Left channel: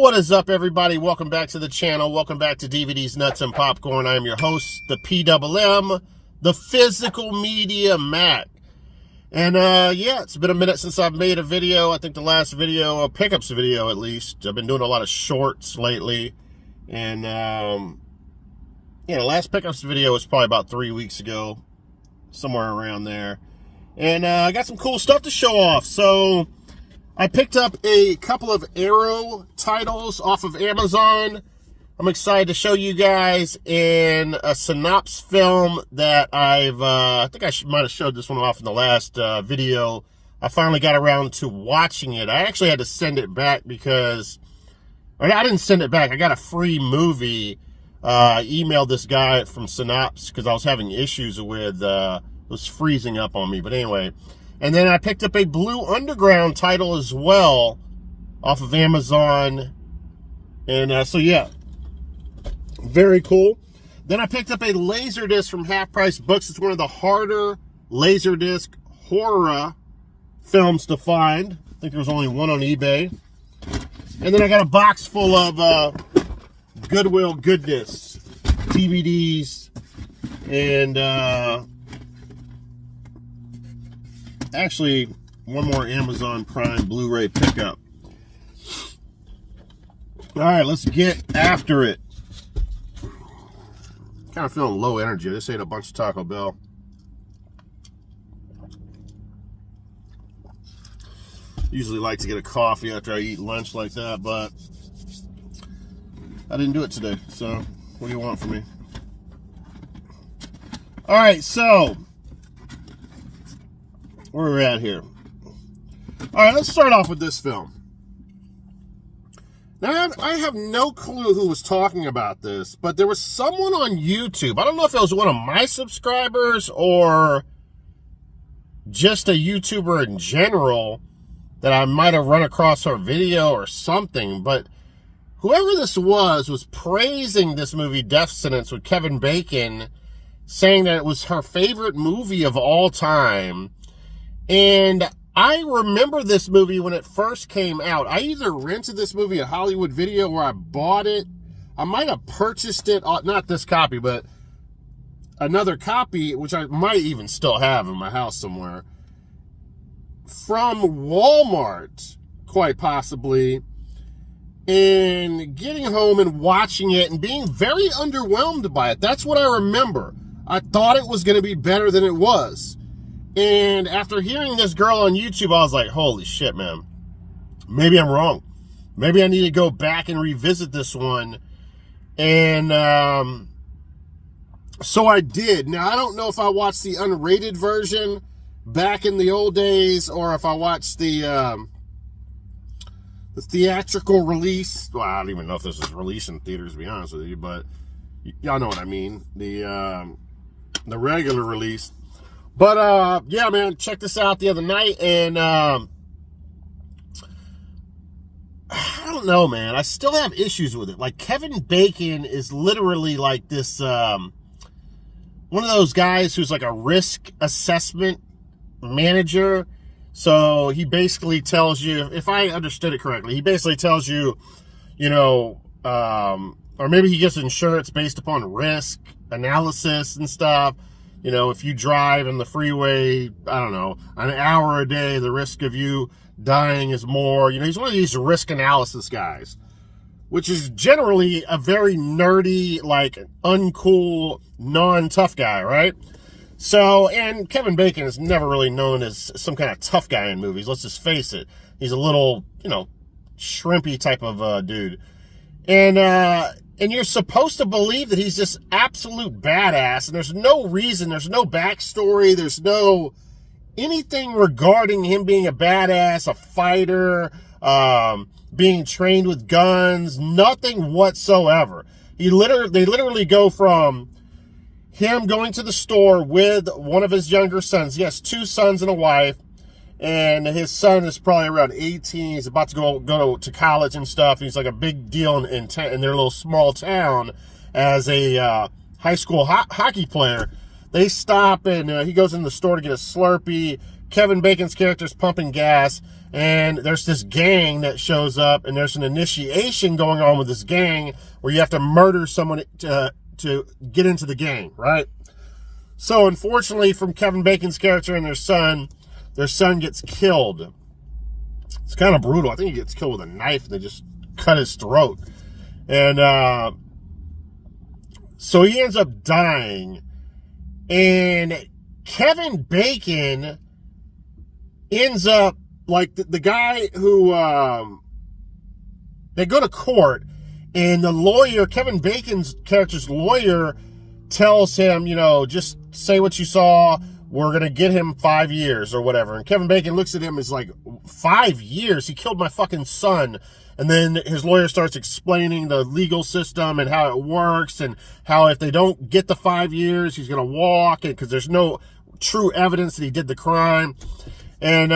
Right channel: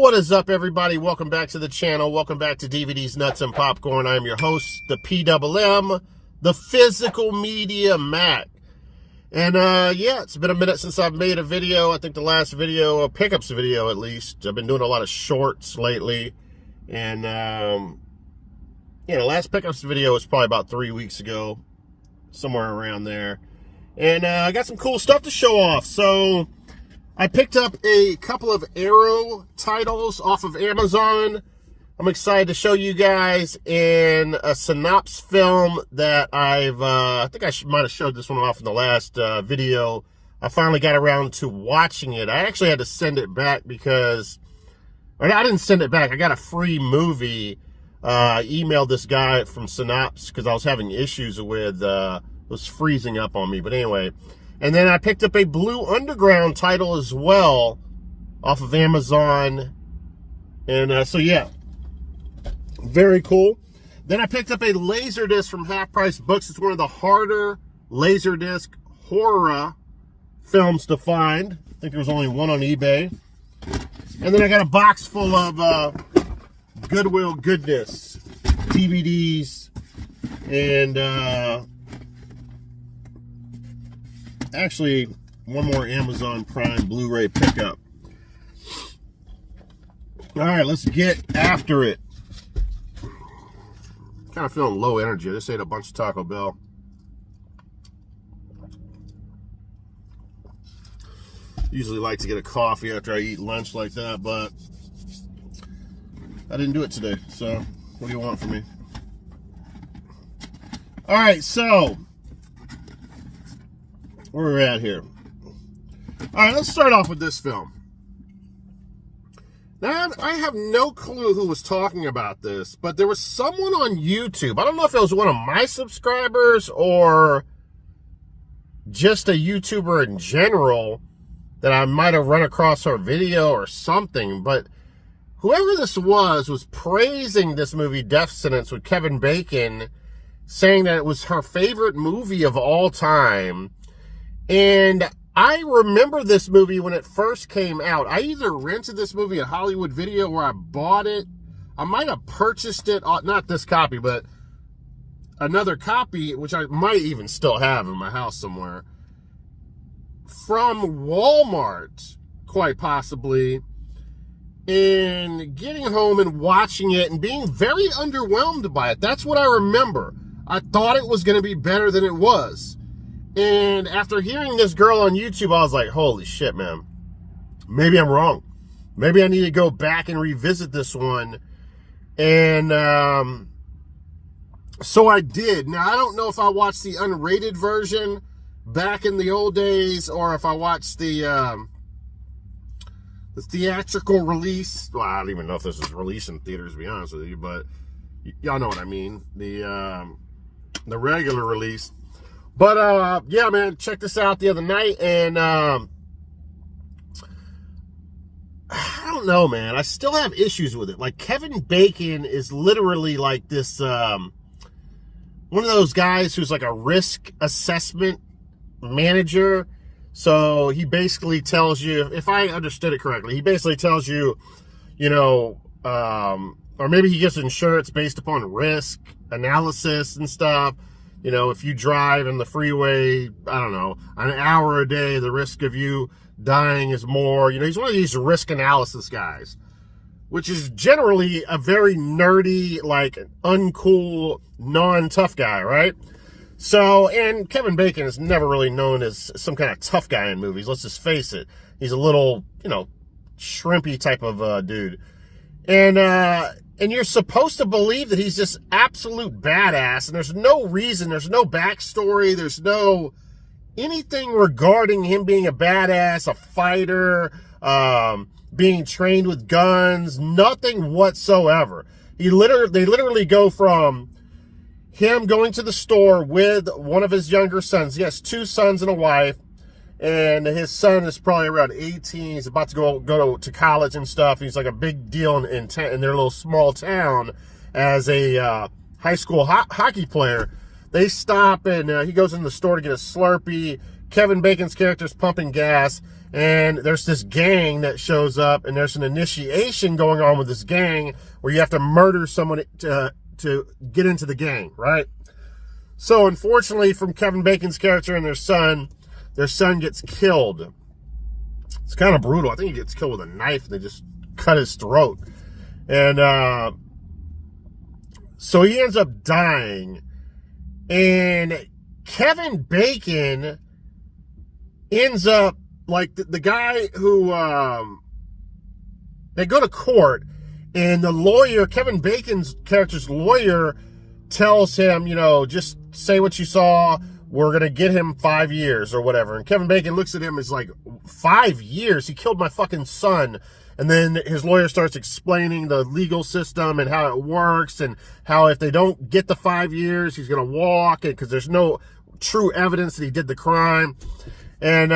What is up, everybody? Welcome back to the channel. Welcome back to DVDs, Nuts, and Popcorn. I am your host, the PMM, the Physical Media Mac. And, yeah, it's been a minute since I've made a video. I think the last video, a pickups video at least. I've been doing a lot of shorts lately. And, yeah, the last pickups video was probably about 3 weeks ago, somewhere around there. And, I got some cool stuff to show off. So I picked up a couple of Arrow titles off of Amazon. I'm excited to show you guys in a Synapse film that I think I might have showed this one off in the last video. I finally got around to watching it. I actually had to send it back because, or I didn't send it back. I got a free movie. I emailed this guy from Synapse because I was having issues with, it was freezing up on me. But anyway. And then I picked up a Blue Underground title as well off of Amazon. And so, yeah, very cool. Then I picked up a Laserdisc from Half Price Books. It's one of the harder Laserdisc horror films to find. I think there was only one on eBay. And then I got a box full of Goodwill goodness, DVDs, and actually, one more Amazon Prime Blu-ray pickup. All right, let's get after it. Kind of feeling low energy. I just ate a bunch of Taco Bell. Usually like to get a coffee after I eat lunch like that, but I didn't do it today. So, what do you want from me? All right, so where we're at here. All right, let's start off with this film. Now, I have no clue who was talking about this, but there was someone on YouTube. I don't know if it was one of my subscribers or just a YouTuber in general that I might have run across her video or something, but whoever this was praising this movie, Death Sentence, with Kevin Bacon, saying that it was her favorite movie of all time. And I remember this movie when it first came out. I either rented this movie at Hollywood Video or I bought it. I might have purchased it, not this copy, but another copy, which I might even still have in my house somewhere, from Walmart, quite possibly, and getting home and watching it and being very underwhelmed by it. That's what I remember. I thought it was going to be better than it was. And after hearing this girl on YouTube, I was like, holy shit, man. Maybe I'm wrong. Maybe I need to go back and revisit this one. And so I did. Now, I don't know if I watched the unrated version back in the old days or if I watched the theatrical release. Well, I don't even know if this is released in theaters, to be honest with you, but y'all know what I mean. The regular release. But, yeah, man, check this out the other night, and, I don't know, man. I still have issues with it. Like, Kevin Bacon is literally like this, one of those guys who's like a risk assessment manager. So he basically tells you, if I understood it correctly, he basically tells you, you know, or maybe he gets insurance based upon risk analysis and stuff. You know, if you drive in the freeway, I don't know, an hour a day, the risk of you dying is more. You know, he's one of these risk analysis guys, which is generally a very nerdy, like, uncool, non-tough guy, right? So, and Kevin Bacon is never really known as some kind of tough guy in movies. Let's just face it. He's a little, you know, shrimpy type of dude. And you're supposed to believe that he's just absolute badass, and there's no reason, there's no backstory, there's no anything regarding him being a badass, a fighter, being trained with guns, nothing whatsoever. They literally go from him going to the store with one of his younger sons. He has 2 sons and a wife, and his son is probably around 18. He's about to go to college and stuff. He's like a big deal in their little small town as a high school hockey player. They stop, and he goes in the store to get a Slurpee. Kevin Bacon's character's pumping gas, and there's this gang that shows up, and there's an initiation going on with this gang where you have to murder someone to get into the gang, right? So unfortunately, from Kevin Bacon's character and their son gets killed. It's kind of brutal. I think he gets killed with a knife. They just cut his throat. And so he ends up dying. And Kevin Bacon ends up, like, the guy who, they go to court, and the lawyer, Kevin Bacon's character's lawyer, tells him, you know, just say what you saw. We're going to get him 5 years or whatever. And Kevin Bacon looks at him as like, 5 years? He killed my fucking son. And then his lawyer starts explaining the legal system and how it works, and how if they don't get the 5 years, he's going to walk, because there's no true evidence that he did the crime. And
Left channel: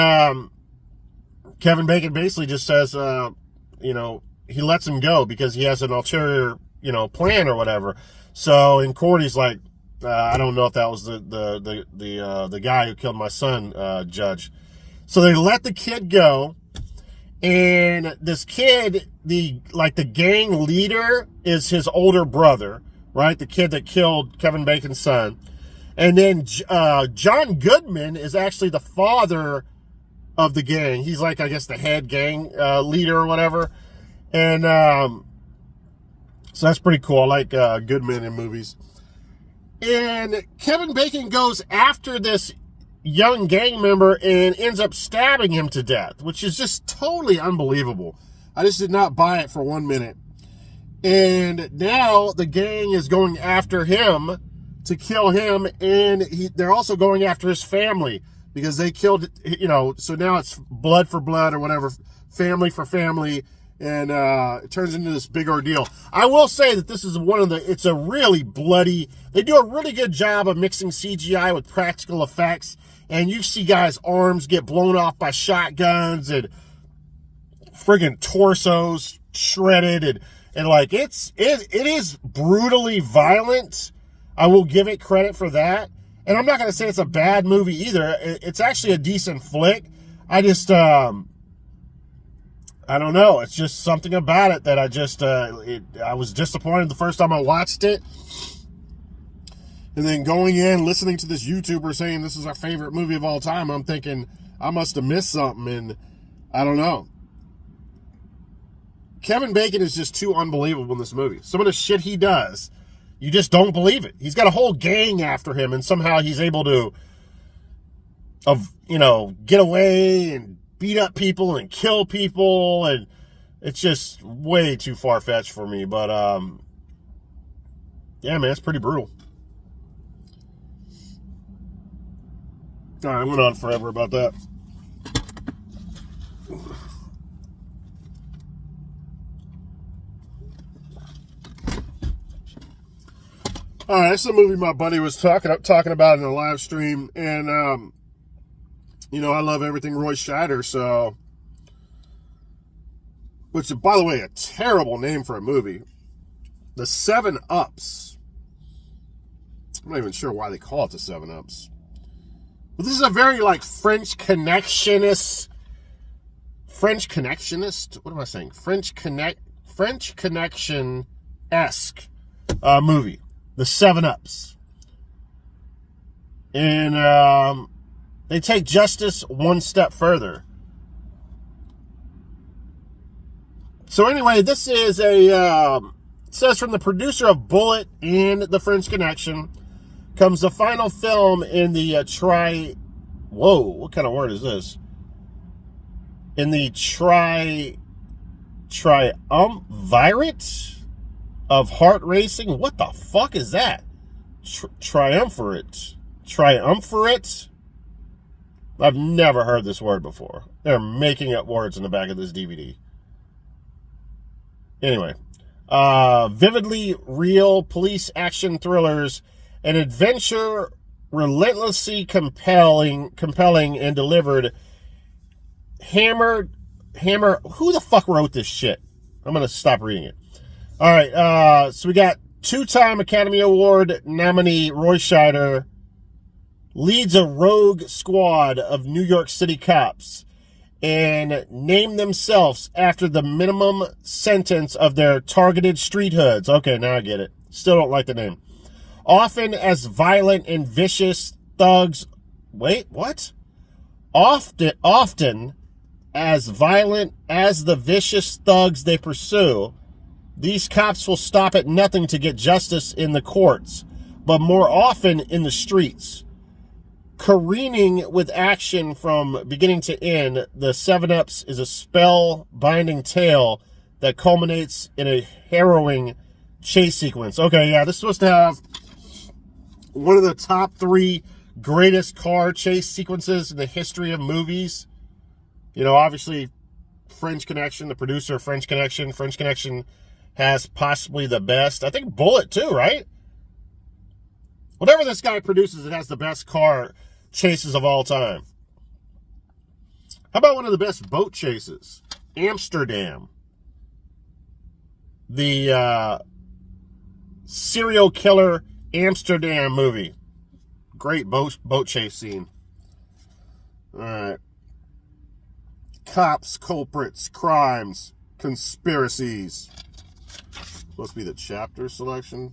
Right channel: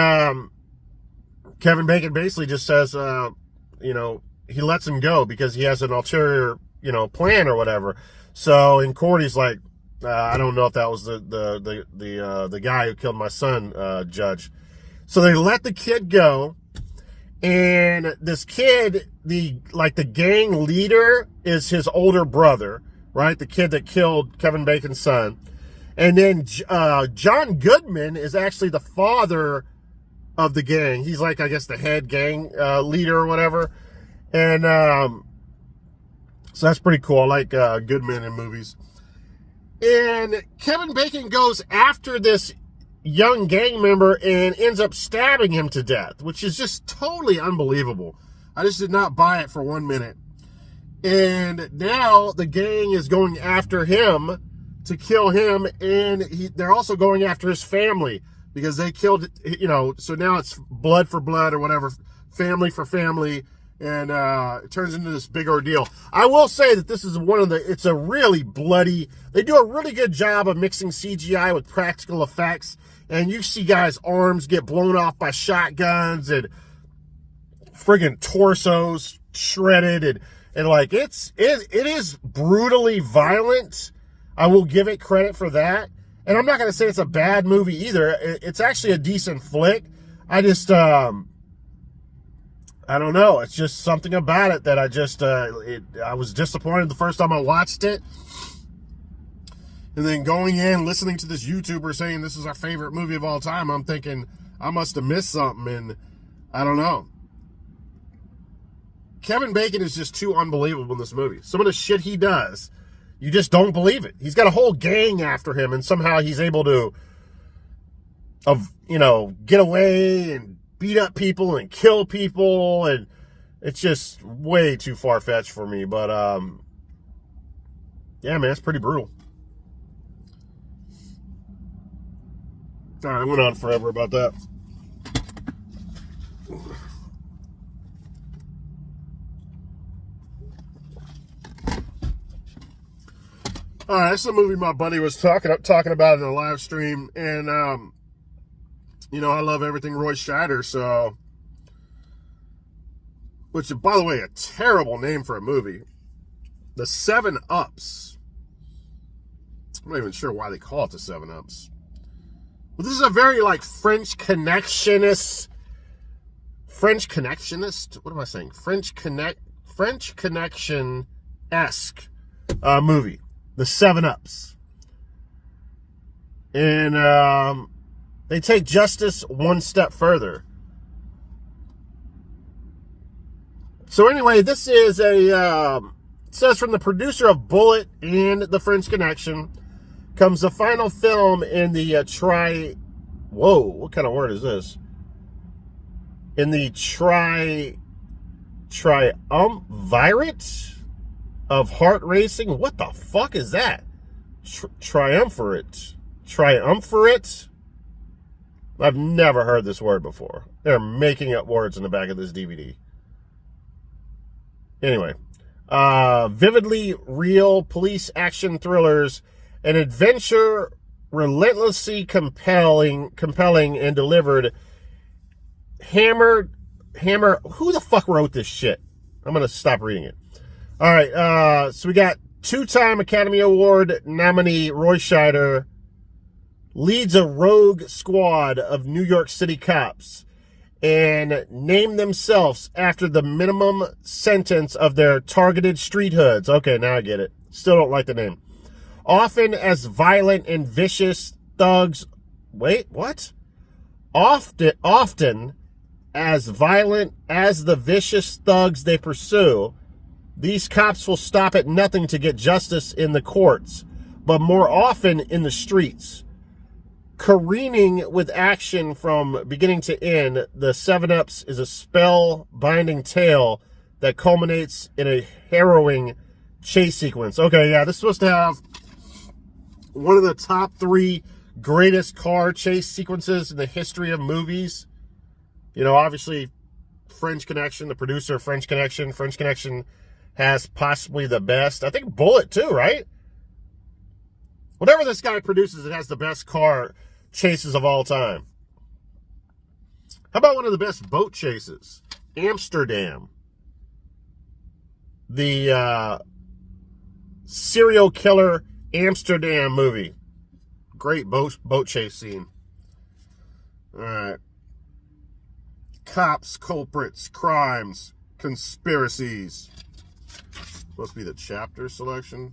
Kevin Bacon basically just says, you know, he lets him go because he has an ulterior, you know, plan or whatever. So in court, he's like, I don't know if that was the guy who killed my son, judge. So they let the kid go, and this kid, the gang leader, is his older brother, right? The kid that killed Kevin Bacon's son. And then John Goodman is actually the father of the gang. He's like, I guess, the head gang leader or whatever. And so that's pretty cool. I like Goodman in movies. And Kevin Bacon goes after this young gang member and ends up stabbing him to death, which is just totally unbelievable. I just did not buy it for 1 minute. And now the gang is going after him to kill him, and they're also going after his family because they killed, you know, so now it's blood for blood or whatever, family for family, and it turns into this big ordeal. I will say that this is it's a really bloody, they do a really good job of mixing CGI with practical effects, and you see guys' arms get blown off by shotguns, and friggin' torsos shredded, and like, it is brutally violent. I will give it credit for that. And I'm not going to say it's a bad movie either. It's actually a decent flick. I just, I don't know. It's just something about it that I was disappointed the first time I watched it. And then going in, listening to this YouTuber saying this is our favorite movie of all time, I'm thinking I must have missed something, and I don't know. Kevin Bacon is just too unbelievable in this movie. Some of the shit he does, you just don't believe it. He's got a whole gang after him, and somehow he's able to, you know, get away and beat up people and kill people, and it's just way too far-fetched for me. But yeah, man, it's pretty brutal. All right, I went on forever about that. All right, this is a movie my buddy was talking about in a live stream, and you know, I love everything Roy Scheider, so, which is, by the way, a terrible name for a movie. The 7-Ups. I'm not even sure why they call it the 7-Ups. But this is a very, like, French Connectionist. What am I saying? French Connection-esque movie. The 7-Ups. And they take justice one step further. So anyway, this is it says from the producer of Bullet and The French Connection comes the final film in the whoa, what kind of word is this? In the triumvirate of heart racing. What the fuck is that? Triumvirate. I've never heard this word before. They're making up words in the back of this DVD. Anyway, vividly real police action thrillers, an adventure relentlessly compelling and delivered. Hammer. Who the fuck wrote this shit? I'm gonna stop reading it. All right, so we got two-time Academy Award nominee Roy Scheider leads a rogue squad of New York City cops. and name themselves after the minimum sentence of their targeted street hoods. Okay, now I get it. Still don't like the name. Often as violent and vicious thugs. Wait, what? Often as violent as the vicious thugs they pursue, these cops will stop at nothing to get justice in the courts, but more often in the streets. Careening with action from beginning to end, the 7-Ups is a spell-binding tale that culminates in a harrowing chase sequence. Okay, yeah, this is supposed to have one of the top 3 greatest car chase sequences in the history of movies. You know, obviously, French Connection, the producer of French Connection has possibly the best. I think Bullet too, right? Whatever this guy produces, it has the best car chases of all time. How about one of the best boat chases? Amsterdam. The serial killer Amsterdam movie. Great boat chase scene. All right. Cops, culprits, crimes, conspiracies. Supposed to be the chapter selection.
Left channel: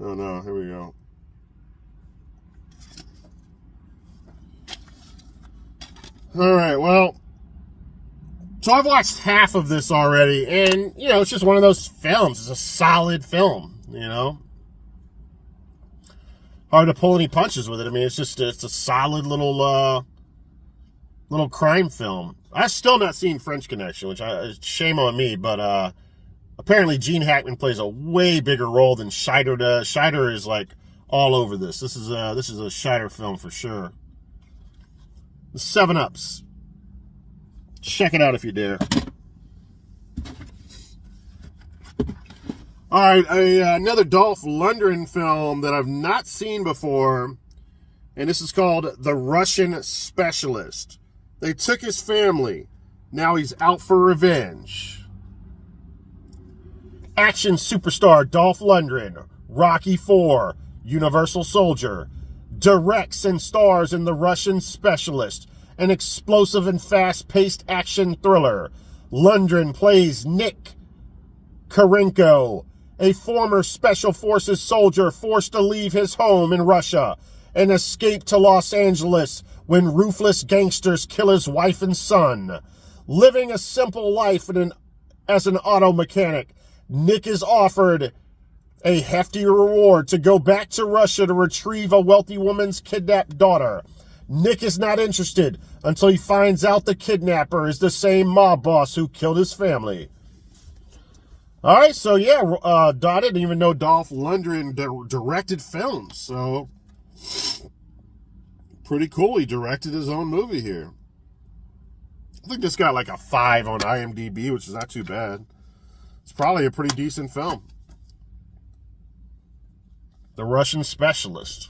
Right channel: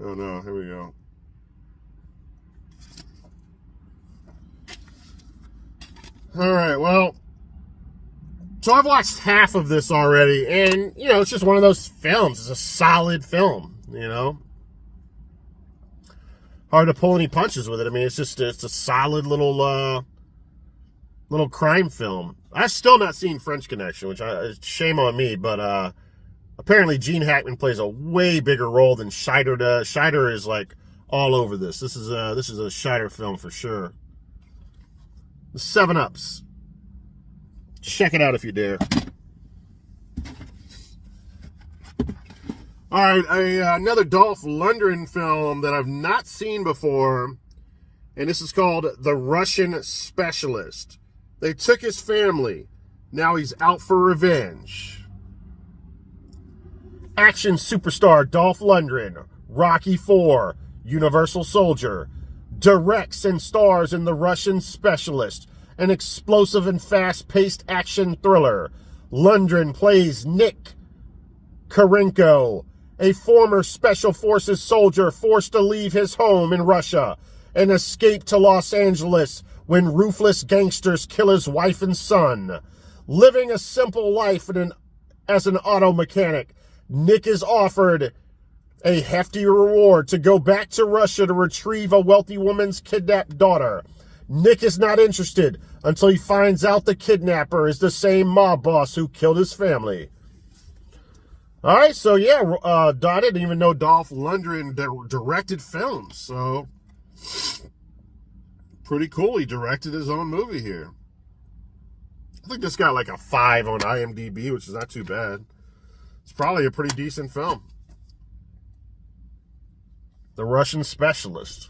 Oh no, here we go. All right, well, so I've watched half of this already, and, you know, it's just one of those films. It's a solid film, you know. Hard to pull any punches with it. I mean, it's a solid little crime film. I've still not seen French Connection, which shame on me, but apparently Gene Hackman plays a way bigger role than Scheider does. Scheider is like all over this. This is a Scheider film for sure. The 7-Ups. Check it out if you dare. All right, another Dolph Lundgren film that I've not seen before, and this is called The Russian Specialist. They took his family. Now he's out for revenge. Action superstar Dolph Lundgren, Rocky IV, Universal Soldier, directs and stars in The Russian Specialist, an explosive and fast-paced action thriller. Lundgren plays Nick Karenko, a former Special Forces soldier forced to leave his home in Russia and escape to Los Angeles when ruthless gangsters kill his wife and son. Living a simple life as an auto mechanic, Nick is offered a hefty reward to go back to Russia to retrieve a wealthy woman's kidnapped daughter. Nick is not interested until he finds out the kidnapper is the same mob boss who killed his family. All right, so yeah, I didn't even know Dolph Lundgren directed films, so pretty cool. He directed his own movie here. I think this got like a 5 on IMDb, which is not too bad. It's probably a pretty decent film. The Russian Specialist.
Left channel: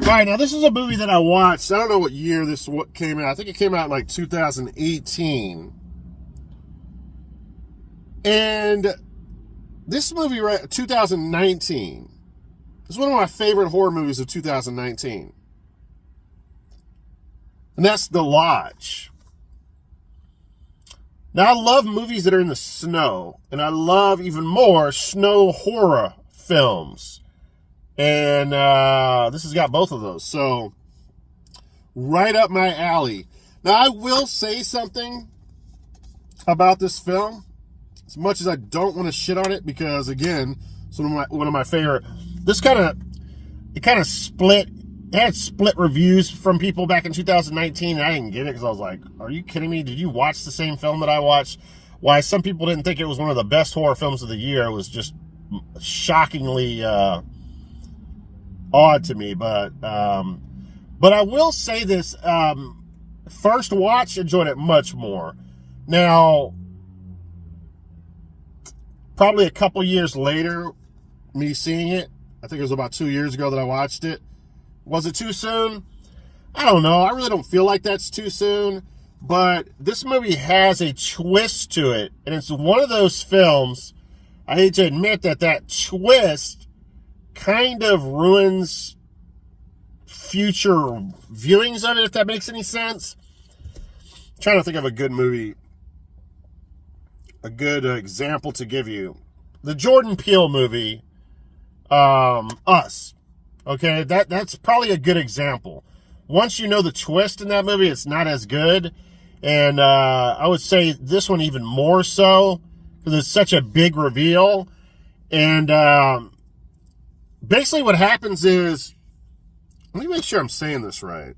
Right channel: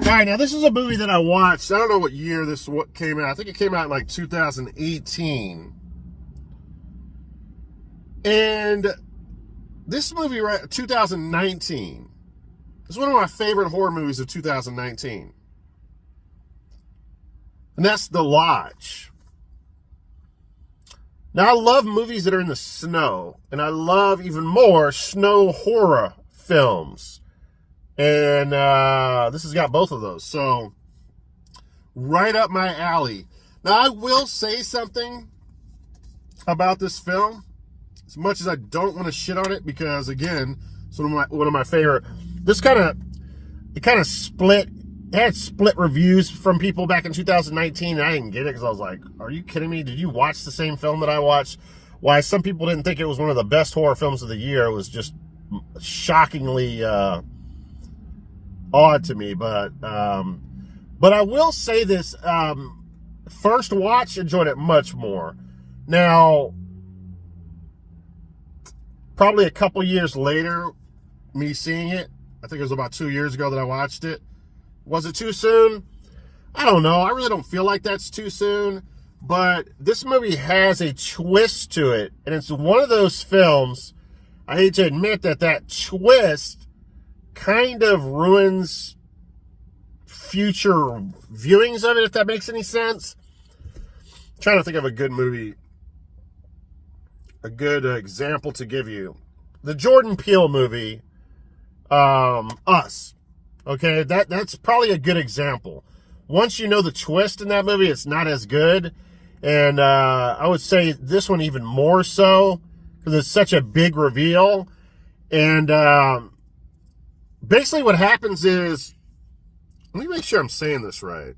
All right, now this is a movie that I watched. I don't know what year this came out. I think it came out in like 2018. And this movie, 2019, is one of my favorite horror movies of 2019. And that's The Lodge. Now, I love movies that are in the snow, and I love even more snow horror films. And this has got both of those. So, right up my alley. Now, I will say something about this film, as much as I don't want to shit on it, because, again, it's one of my favorite. It kind of split. It had split reviews from people back in 2019, and I didn't get it because I was like, are you kidding me? Did you watch the same film that I watched? Why some people didn't think it was one of the best horror films of the year. It was just shockingly odd to me, but I will say this, first watch, enjoyed it much more. Now, probably a couple years later, me seeing it, I think it was about 2 years ago that I watched it. Was it too soon? I don't know. I really don't feel like that's too soon, but this movie has a twist to it, and it's one of those films I hate to admit that twist kind of ruins future viewings of it, if that makes any sense. I'm trying to think of a good movie, a good example to give you. The Jordan Peele movie, Us. Okay, that's probably a good example. Once you know the twist in that movie, it's not as good. And I would say this one even more so, because it's such a big reveal. And basically what happens is, let me make sure I'm saying this right.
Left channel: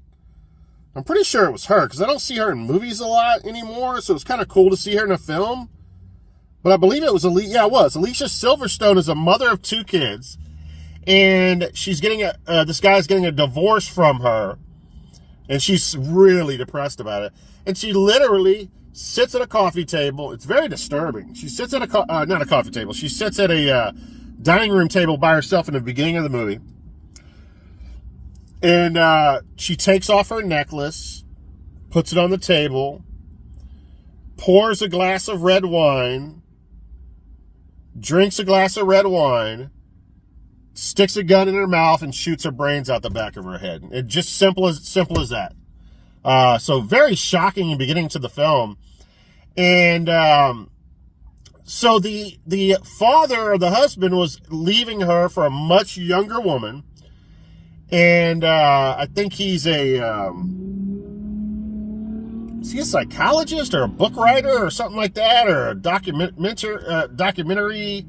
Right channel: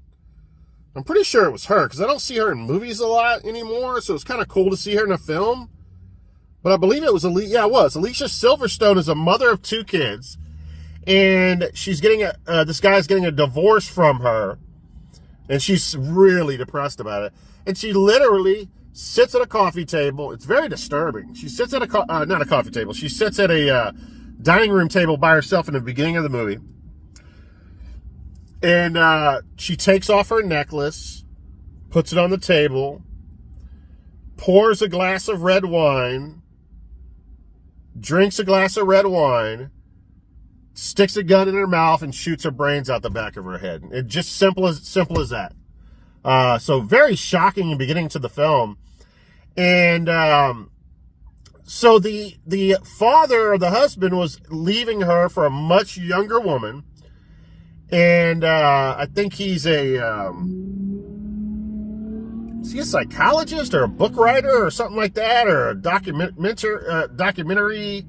I'm pretty sure it was her, because I don't see her in movies a lot anymore, so it's kind of cool to see her in a film. But I believe it was it was. Alicia Silverstone is a mother of 2 kids, and she's getting this guy's getting a divorce from her, and she's really depressed about it. And she literally sits at a coffee table. It's very disturbing. She sits at not a coffee table. She sits at a dining room table by herself in the beginning of the movie. And she takes off her necklace, puts it on the table, pours a glass of red wine, drinks a glass of red wine, sticks a gun in her mouth, and shoots her brains out the back of her head. It's just simple as that. So very shocking in beginning to the film. And so the father or the husband was leaving her for a much younger woman. And I think he's is he a psychologist or a book writer or something like that, or a documentary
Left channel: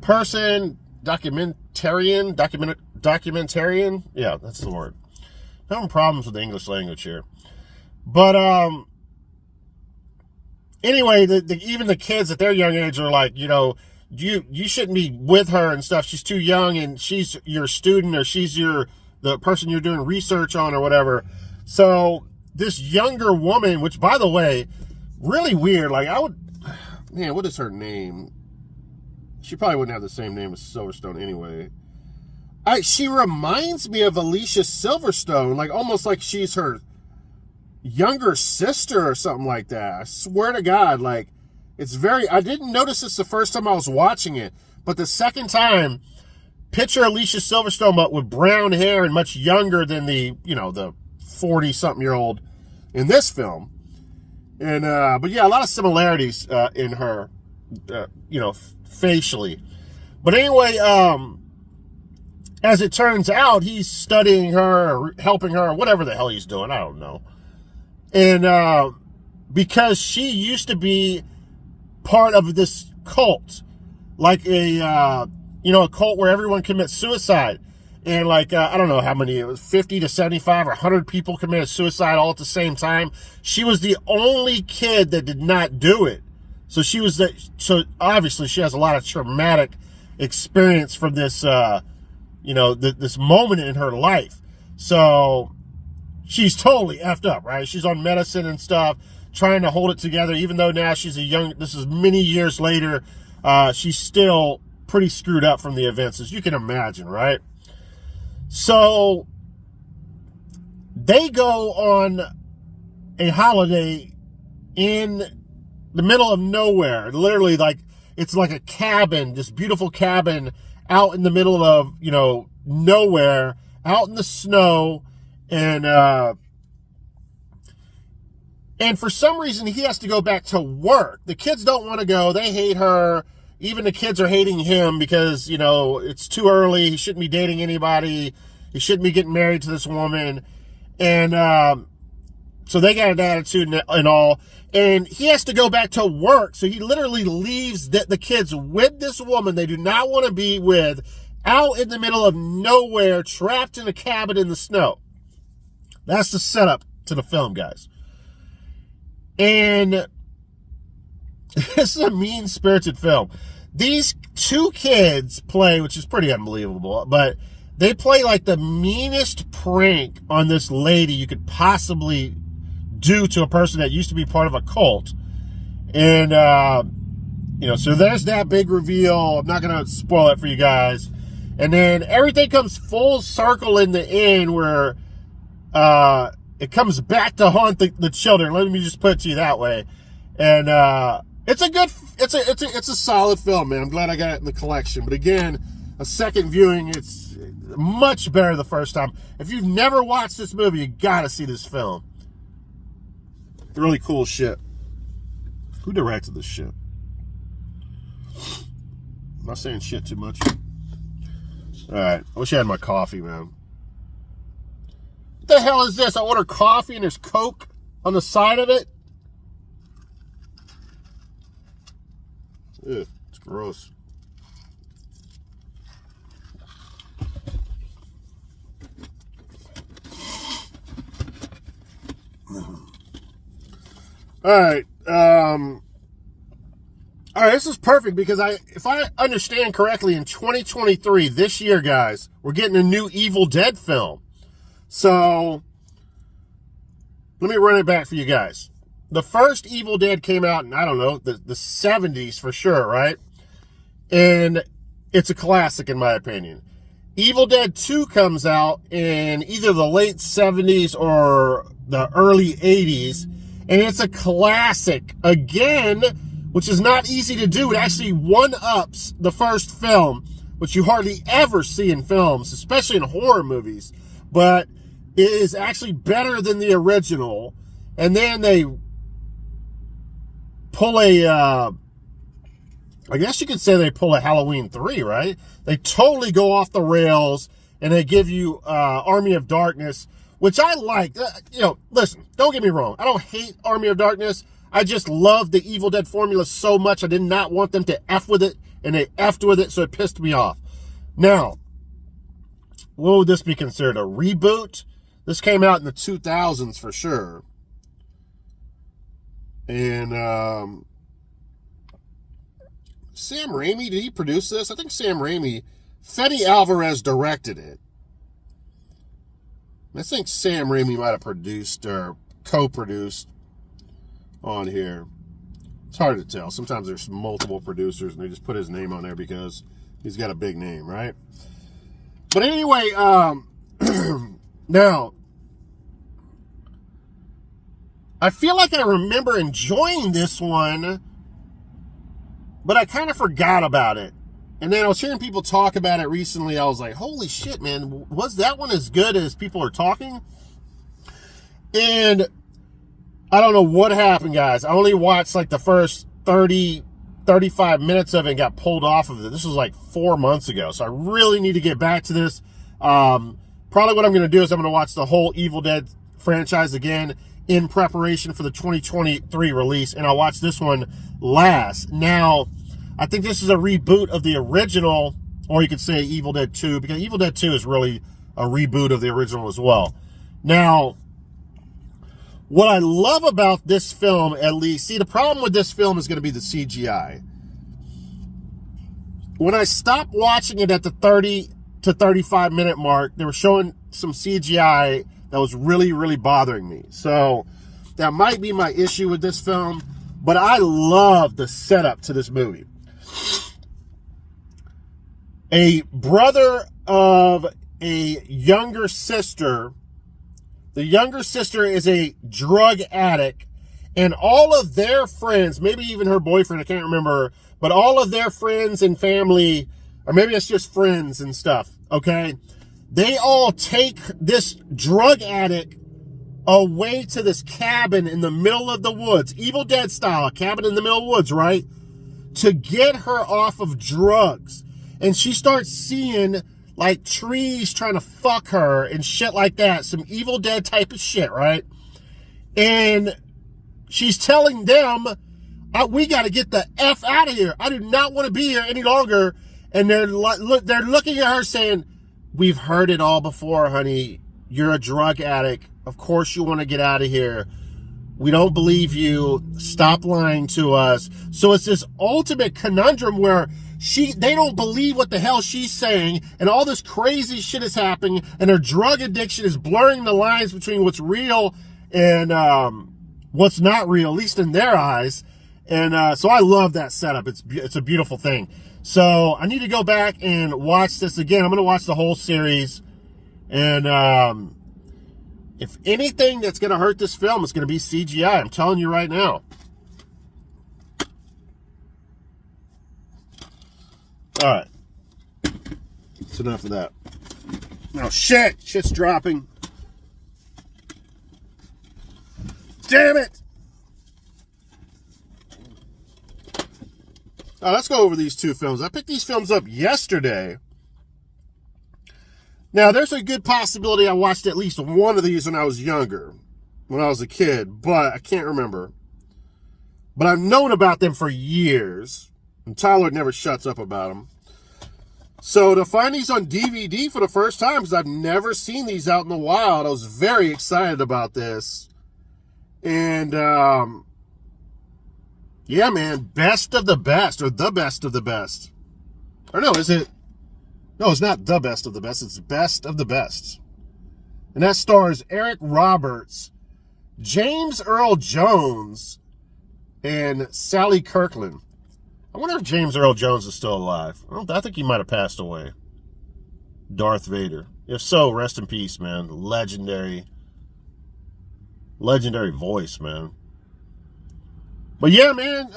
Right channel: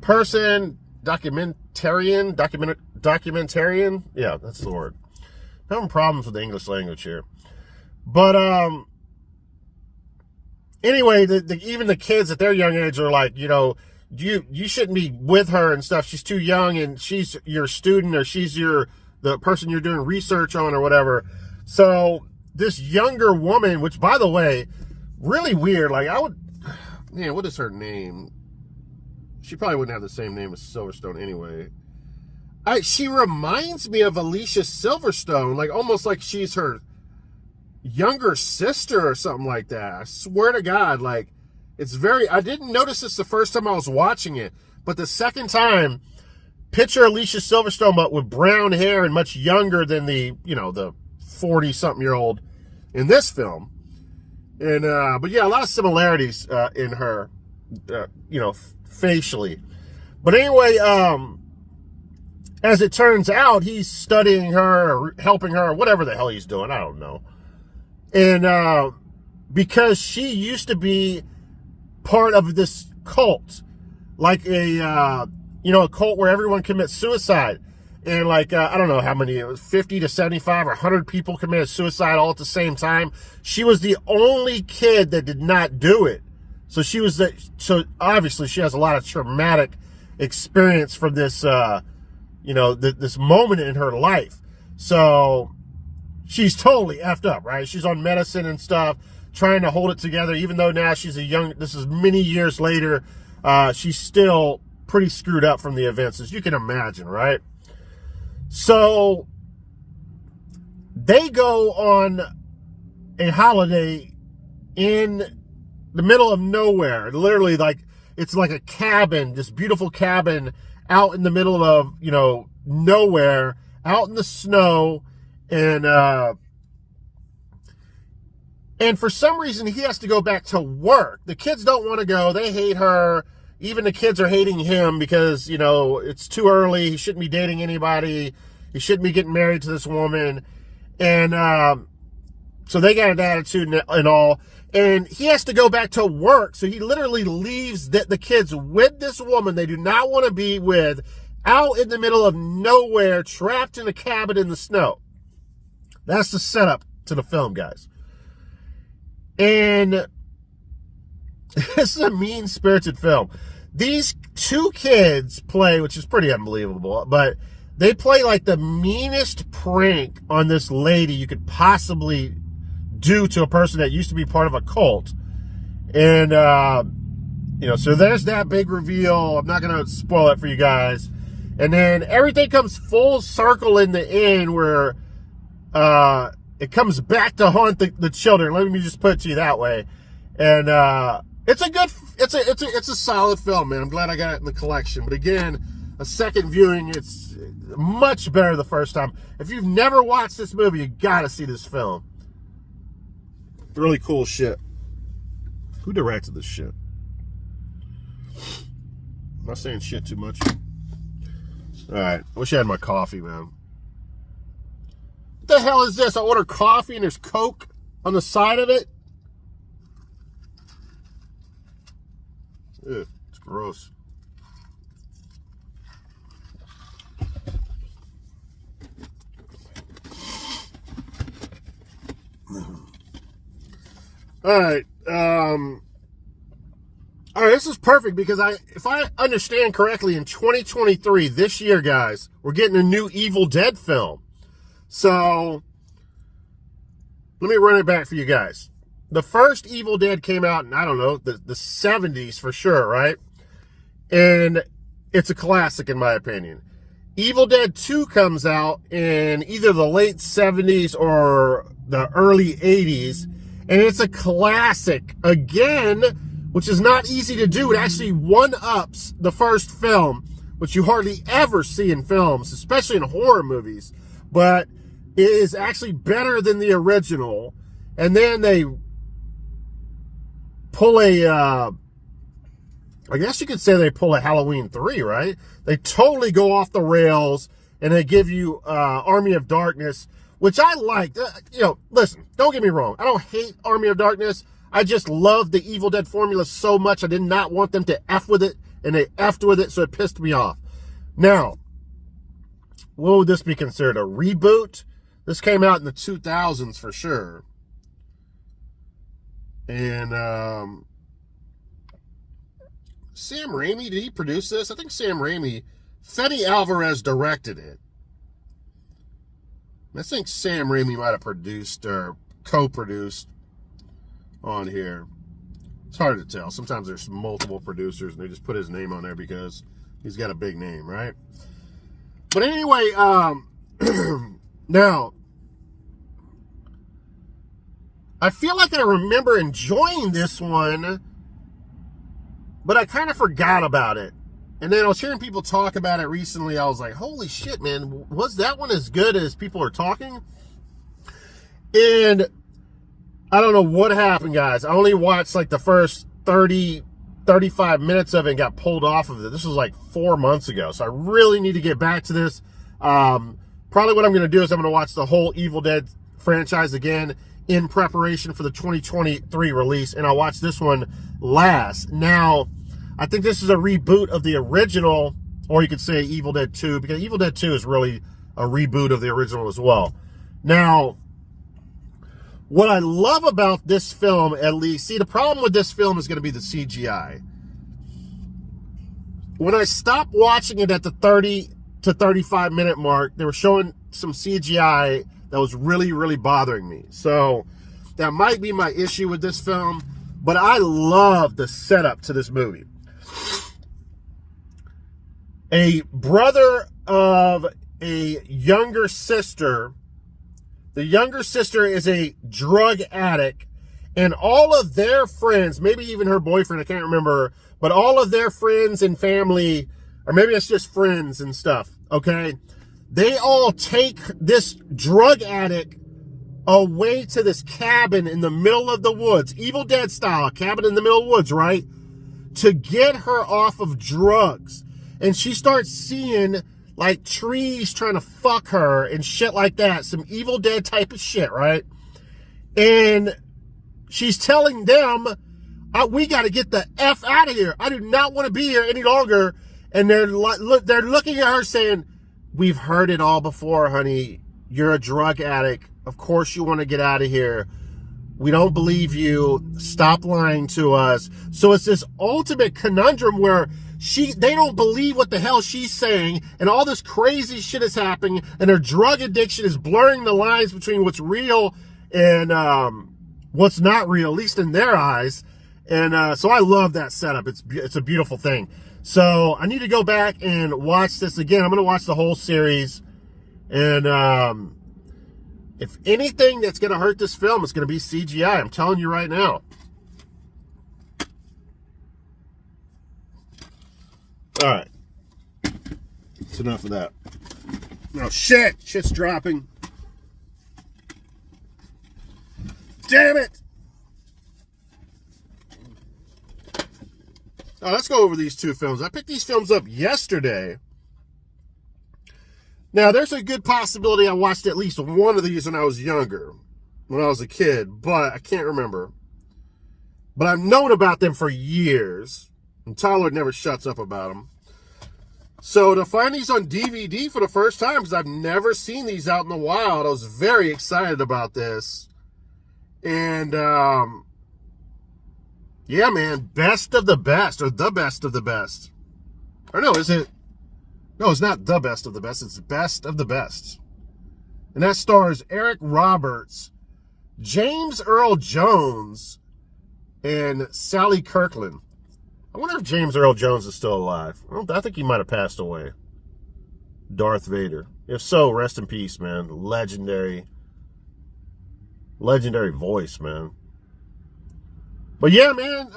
person, documentarian. Yeah, that's the word. I'm having problems with the English language here. But anyway, even the kids at their young age are like, you shouldn't be with her and stuff. She's too young, and she's your student, or she's the person you're doing research on, or whatever. So this younger woman, which, by the way, really weird. Like, what is her name? She probably wouldn't have the same name as Silverstone anyway. She reminds me of Alicia Silverstone, like almost like she's her younger sister or something like that. I swear to God, like, I didn't notice this the first time I was watching it, but the second time, picture Alicia Silverstone, but with brown hair and much younger than the 40-something-year-old in this film. And, but yeah, a lot of similarities in her, facially. But anyway, as it turns out, he's studying her, or helping her, or whatever the hell he's doing. I don't know. And because she used to be part of this cult, like a cult where everyone commits suicide. And like, I don't know how many, it was 50 to 75 or 100 people committed suicide all at the same time. She was the only kid that did not do it. So so obviously she has a lot of traumatic experience from this, this moment in her life. So she's totally effed up, right? She's on medicine and stuff, trying to hold it together, even though now this is many years later, she's still pretty screwed up from the events, as you can imagine, right? So they go on a holiday in the middle of nowhere, literally, like, it's like a cabin, this beautiful cabin out in the middle of, nowhere, out in the snow. And for some reason, he has to go back to work. The kids don't want to go. They hate her. Even the kids are hating him because, it's too early. He shouldn't be dating anybody. He shouldn't be getting married to this woman. And so they got an attitude and all. And he has to go back to work. So he literally leaves the kids with this woman they do not want to be with, out in the middle of nowhere, trapped in a cabin in the snow. That's the setup to the film, guys. And it's a mean-spirited film. These 2 kids play, which is pretty unbelievable, but they play like the meanest prank on this lady you could possibly do to a person that used to be part of a cult. And, so there's that big reveal. I'm not going to spoil it for you guys. And then everything comes full circle in the end where it comes back to haunt the children. Let me just put it to you that way. And It's a solid film, man. I'm glad I got it in the collection. But again, a second viewing, it's much better the first time. If you've never watched this movie, you gotta see this film. Really cool shit. Who directed this shit? I'm not saying shit too much. Alright, I wish I had my coffee, man. What the hell is this? I ordered coffee and there's Coke on the side of it? Ugh, it's gross. Alright, alright, this is perfect because if I understand correctly, in 2023, this year, guys, we're getting a new Evil Dead film. So, let me run it back for you guys. The first Evil Dead came out in, I don't know, the 70s for sure, right? And it's a classic in my opinion. Evil Dead 2 comes out in either the late 70s or the early 80s. And it's a classic, again, which is not easy to do. It actually one-ups the first film, which you hardly ever see in films, especially in horror movies. But it is actually better than the original. And then they pull I guess you could say they pull a Halloween 3, right? They totally go off the rails, and they give you Army of Darkness, which I liked. You know, listen, don't get me wrong. I don't hate Army of Darkness. I just love the Evil Dead formula so much. I did not want them to F with it, and they F'd with it, so it pissed me off. Now, what would this be considered? A reboot? This came out in the 2000s for sure. And Sam Raimi, did he produce this? I think Sam Raimi, Fede Alvarez directed it. I think Sam Raimi might have produced or co-produced on here. It's hard to tell. Sometimes there's multiple producers and they just put his name on there because he's got a big name, right? But anyway, now, I feel like I remember enjoying this one, but I kind of forgot about it. And then I was hearing people talk about it recently. I was like, holy shit, man, was that one as good as people are talking? And I don't know what happened, guys. I only watched like the first 30, 35 minutes of it and got pulled off of it. This was like 4 months ago. So I really need to get back to this. Probably what I'm going to do is I'm going to watch the whole Evil Dead franchise again in preparation for the 2023 release. And I'll watch this one last. Now, I think this is a reboot of the original, or you could say Evil Dead 2, because Evil Dead 2 is really a reboot of the original as well. Now, what I love about this film, at least, see, the problem with this film is going to be the CGI. When I stopped watching it at the 30 to 35 minute mark, they were showing some CGI that was really, really bothering me. So that might be my issue with this film, but I love the setup to this movie. A brother of a younger sister. The younger sister is a drug addict, and all of their friends, maybe even her boyfriend, I can't remember, but all of their friends and family, or maybe it's just friends and stuff, okay? They all take this drug addict away to this cabin in the middle of the woods, Evil Dead style, a cabin in the middle of the woods, right? To get her off of drugs. And she starts seeing like trees trying to fuck her and shit like that. Some Evil Dead type of shit, right? And she's telling them, we got to get the F out of here. I do not want to be here any longer. And they're looking at her saying, we've heard it all before, honey. You're a drug addict. Of course you want to get out of here. We don't believe you. Stop lying to us. So it's this ultimate conundrum where they don't believe what the hell she's saying, and all this crazy shit is happening, and her drug addiction is blurring the lines between what's real and what's not real, at least in their eyes. And so I love that setup. It's a beautiful thing. So I need to go back and watch this again. I'm going to watch the whole series. And if anything that's going to hurt this film, it's going to be CGI. I'm telling you right now. All right. That's enough of that. Oh, shit. Shit's dropping. Damn it. Let's go over these two films. I picked these films up yesterday. Now, there's a good possibility I watched at least one of these when I was younger, when I was a kid, but I can't remember. But I've known about them for years, and Tyler never shuts up about them. So to find these on DVD for the first time, because I've never seen these out in the wild, I was very excited about this. And, yeah, man, best of the best, or the best of the best. Or no, is it? No, it's not the best of the best. It's best of the best. And that stars Eric Roberts, James Earl Jones, and Sally Kirkland. I wonder if James Earl Jones is still alive. I think he might have passed away. Darth Vader. If so, rest in peace, man. Legendary voice, man. But yeah, man,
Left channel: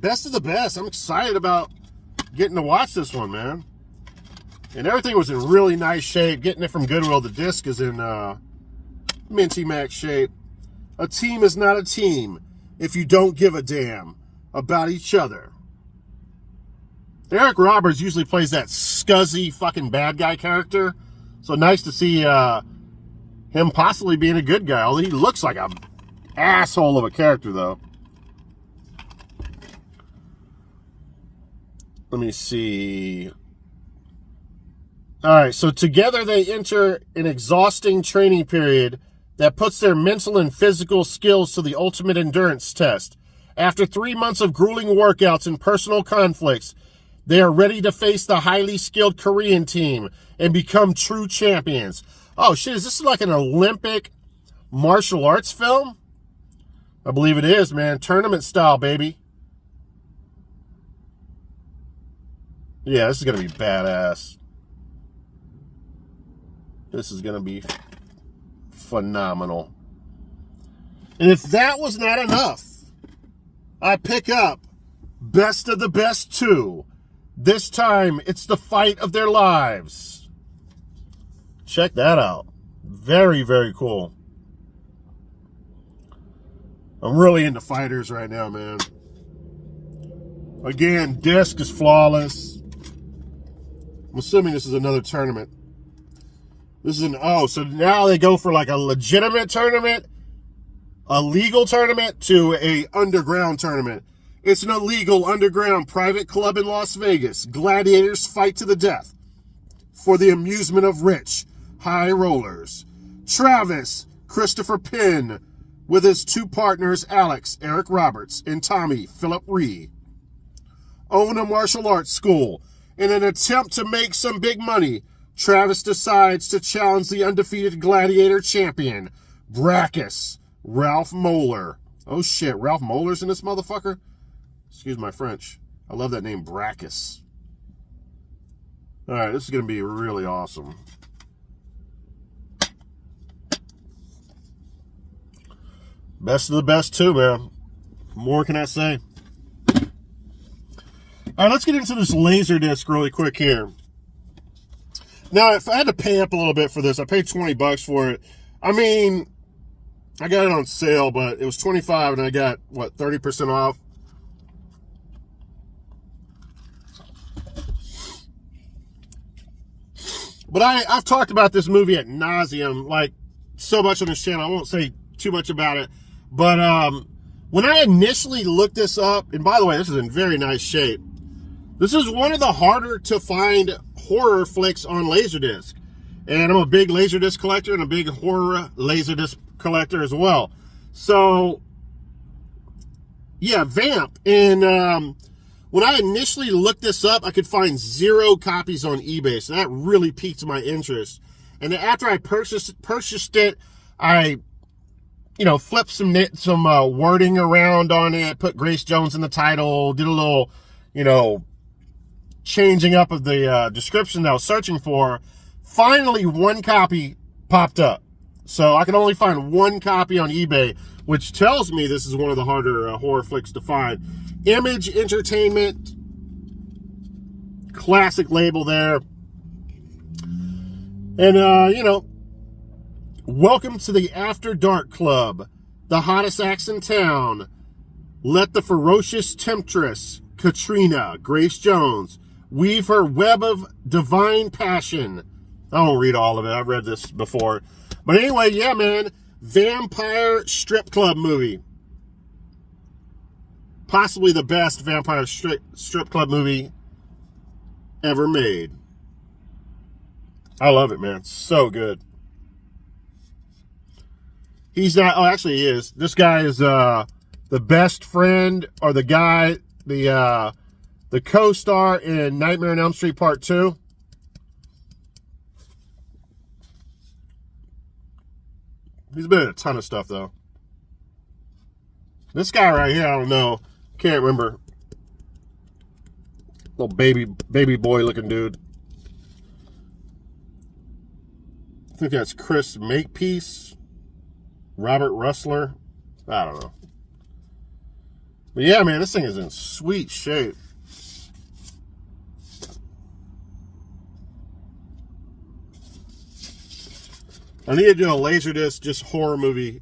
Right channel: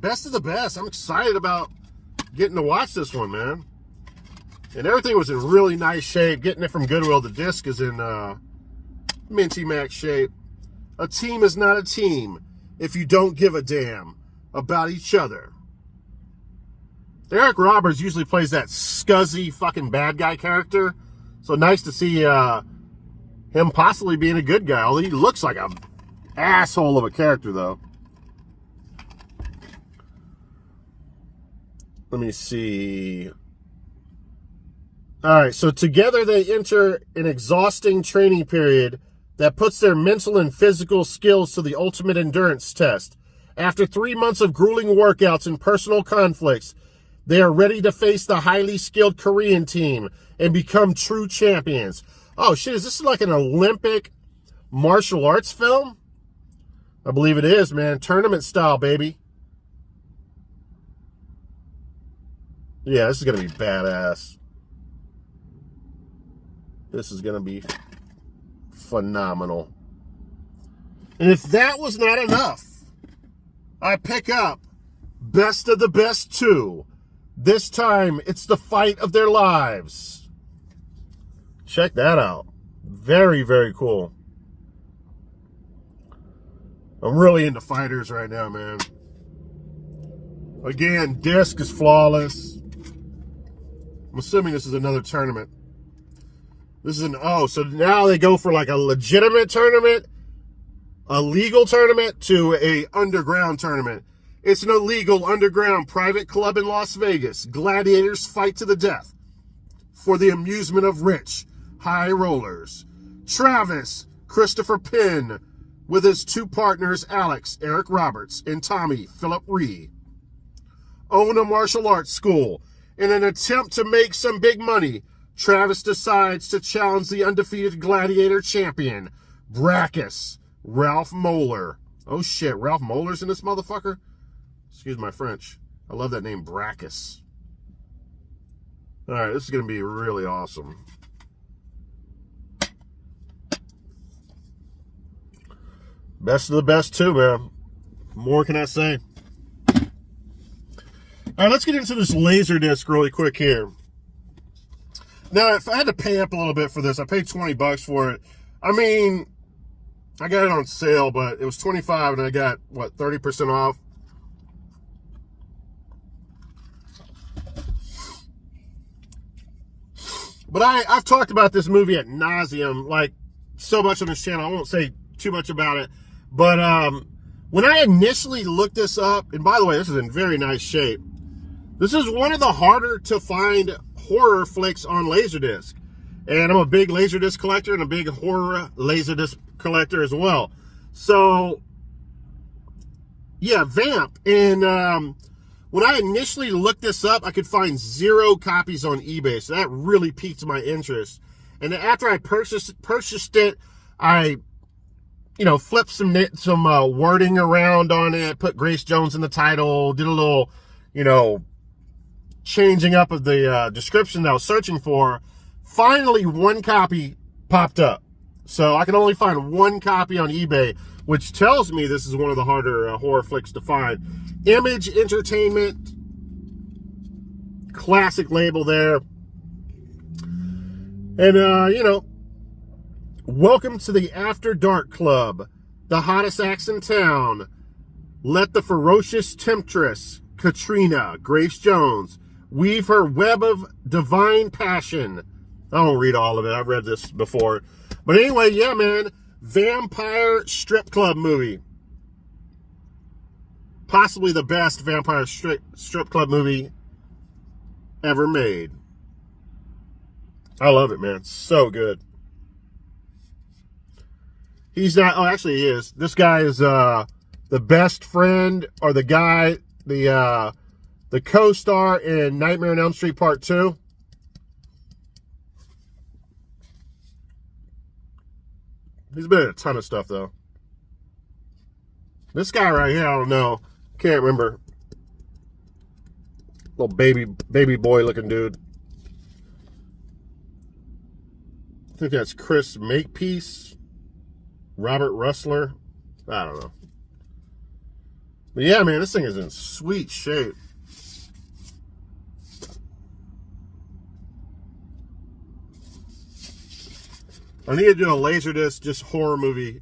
best of the best. I'm excited about getting to watch this one, man. And everything was in really nice shape. Getting it from Goodwill. The disc is in minty max shape. A team is not a team if you don't give a damn about each other. Eric Roberts usually plays that scuzzy fucking bad guy character. So nice to see him possibly being a good guy. Although he looks like an asshole of a character, though. Let me see. All right, so together they enter an exhausting training period that puts their mental and physical skills to the ultimate endurance test. After 3 months of grueling workouts and personal conflicts, they are ready to face the highly skilled Korean team and become true champions. Oh, shit, is this like an Olympic martial arts film? I believe it is, man. Tournament style, baby. Yeah, this is going to be badass. This is going to be phenomenal. And if that was not enough, I pick up Best of the Best 2. This time, it's the fight of their lives. Check that out. Very, very cool. I'm really into fighters right now, man. Again, disc is flawless. I'm assuming this is another tournament. This is an, oh, so now they go for like a legitimate tournament, a legal tournament, to a underground tournament. It's an illegal underground private club in Las Vegas. Gladiators fight to the death for the amusement of rich high rollers. Travis Christopher Penn with his two partners, Alex, Eric Roberts, and Tommy, Philip Ree, own a martial arts school. In an attempt to make some big money, Travis decides to challenge the undefeated gladiator champion, Brackus, Ralph Moeller. Oh shit, Ralph Moeller's in this motherfucker? Excuse my French. I love that name, Brackus. Alright, this is going to be really awesome. Best of the best too, man. What more can I say? Alright, let's get into this Laserdisc really quick here. Now, if I had to pay up a little bit for this, I paid $20 for it. I mean, I got it on sale, but it was $25 and I got, what, 30% off? But I've talked about this movie ad nauseum, like, so much on this channel. I won't say too much about it. But when I initially looked this up, and by the way, this is in very nice shape. This is one of the harder to find horror flicks on Laserdisc. And I'm a big Laserdisc collector and a big horror Laserdisc collector as well. So, yeah, Vamp. And when I initially looked this up, I could find 0 copies on eBay. So that really piqued my interest. And then after I purchased it, I, you know, flipped some wording around on it, put Grace Jones in the title, did a little, you know, changing up of the description that I was searching for. Finally, 1 copy popped up. So I can only find 1 copy on eBay, which tells me this is one of the harder horror flicks to find. Image Entertainment classic label there. And, you know, welcome to the After Dark Club, the hottest acts in town. Let the ferocious temptress, Katrina Grace Jones, weave her web of divine passion. I won't read all of it. I've read this before. But anyway, yeah, man. Vampire strip club movie. Possibly the best vampire strip club movie ever made. I love it, man. It's so good. He's not... Oh, actually, he is. This guy is the best friend, or the guy, the co-star in Nightmare on Elm Street Part 2. He's been in a ton of stuff, though. This guy right here, I don't know. Can't remember. Little baby boy looking dude. I think that's Chris Makepeace. Robert Rustler. I don't know. But yeah, man, this thing is in sweet shape. I need to do a Laserdisc just horror movie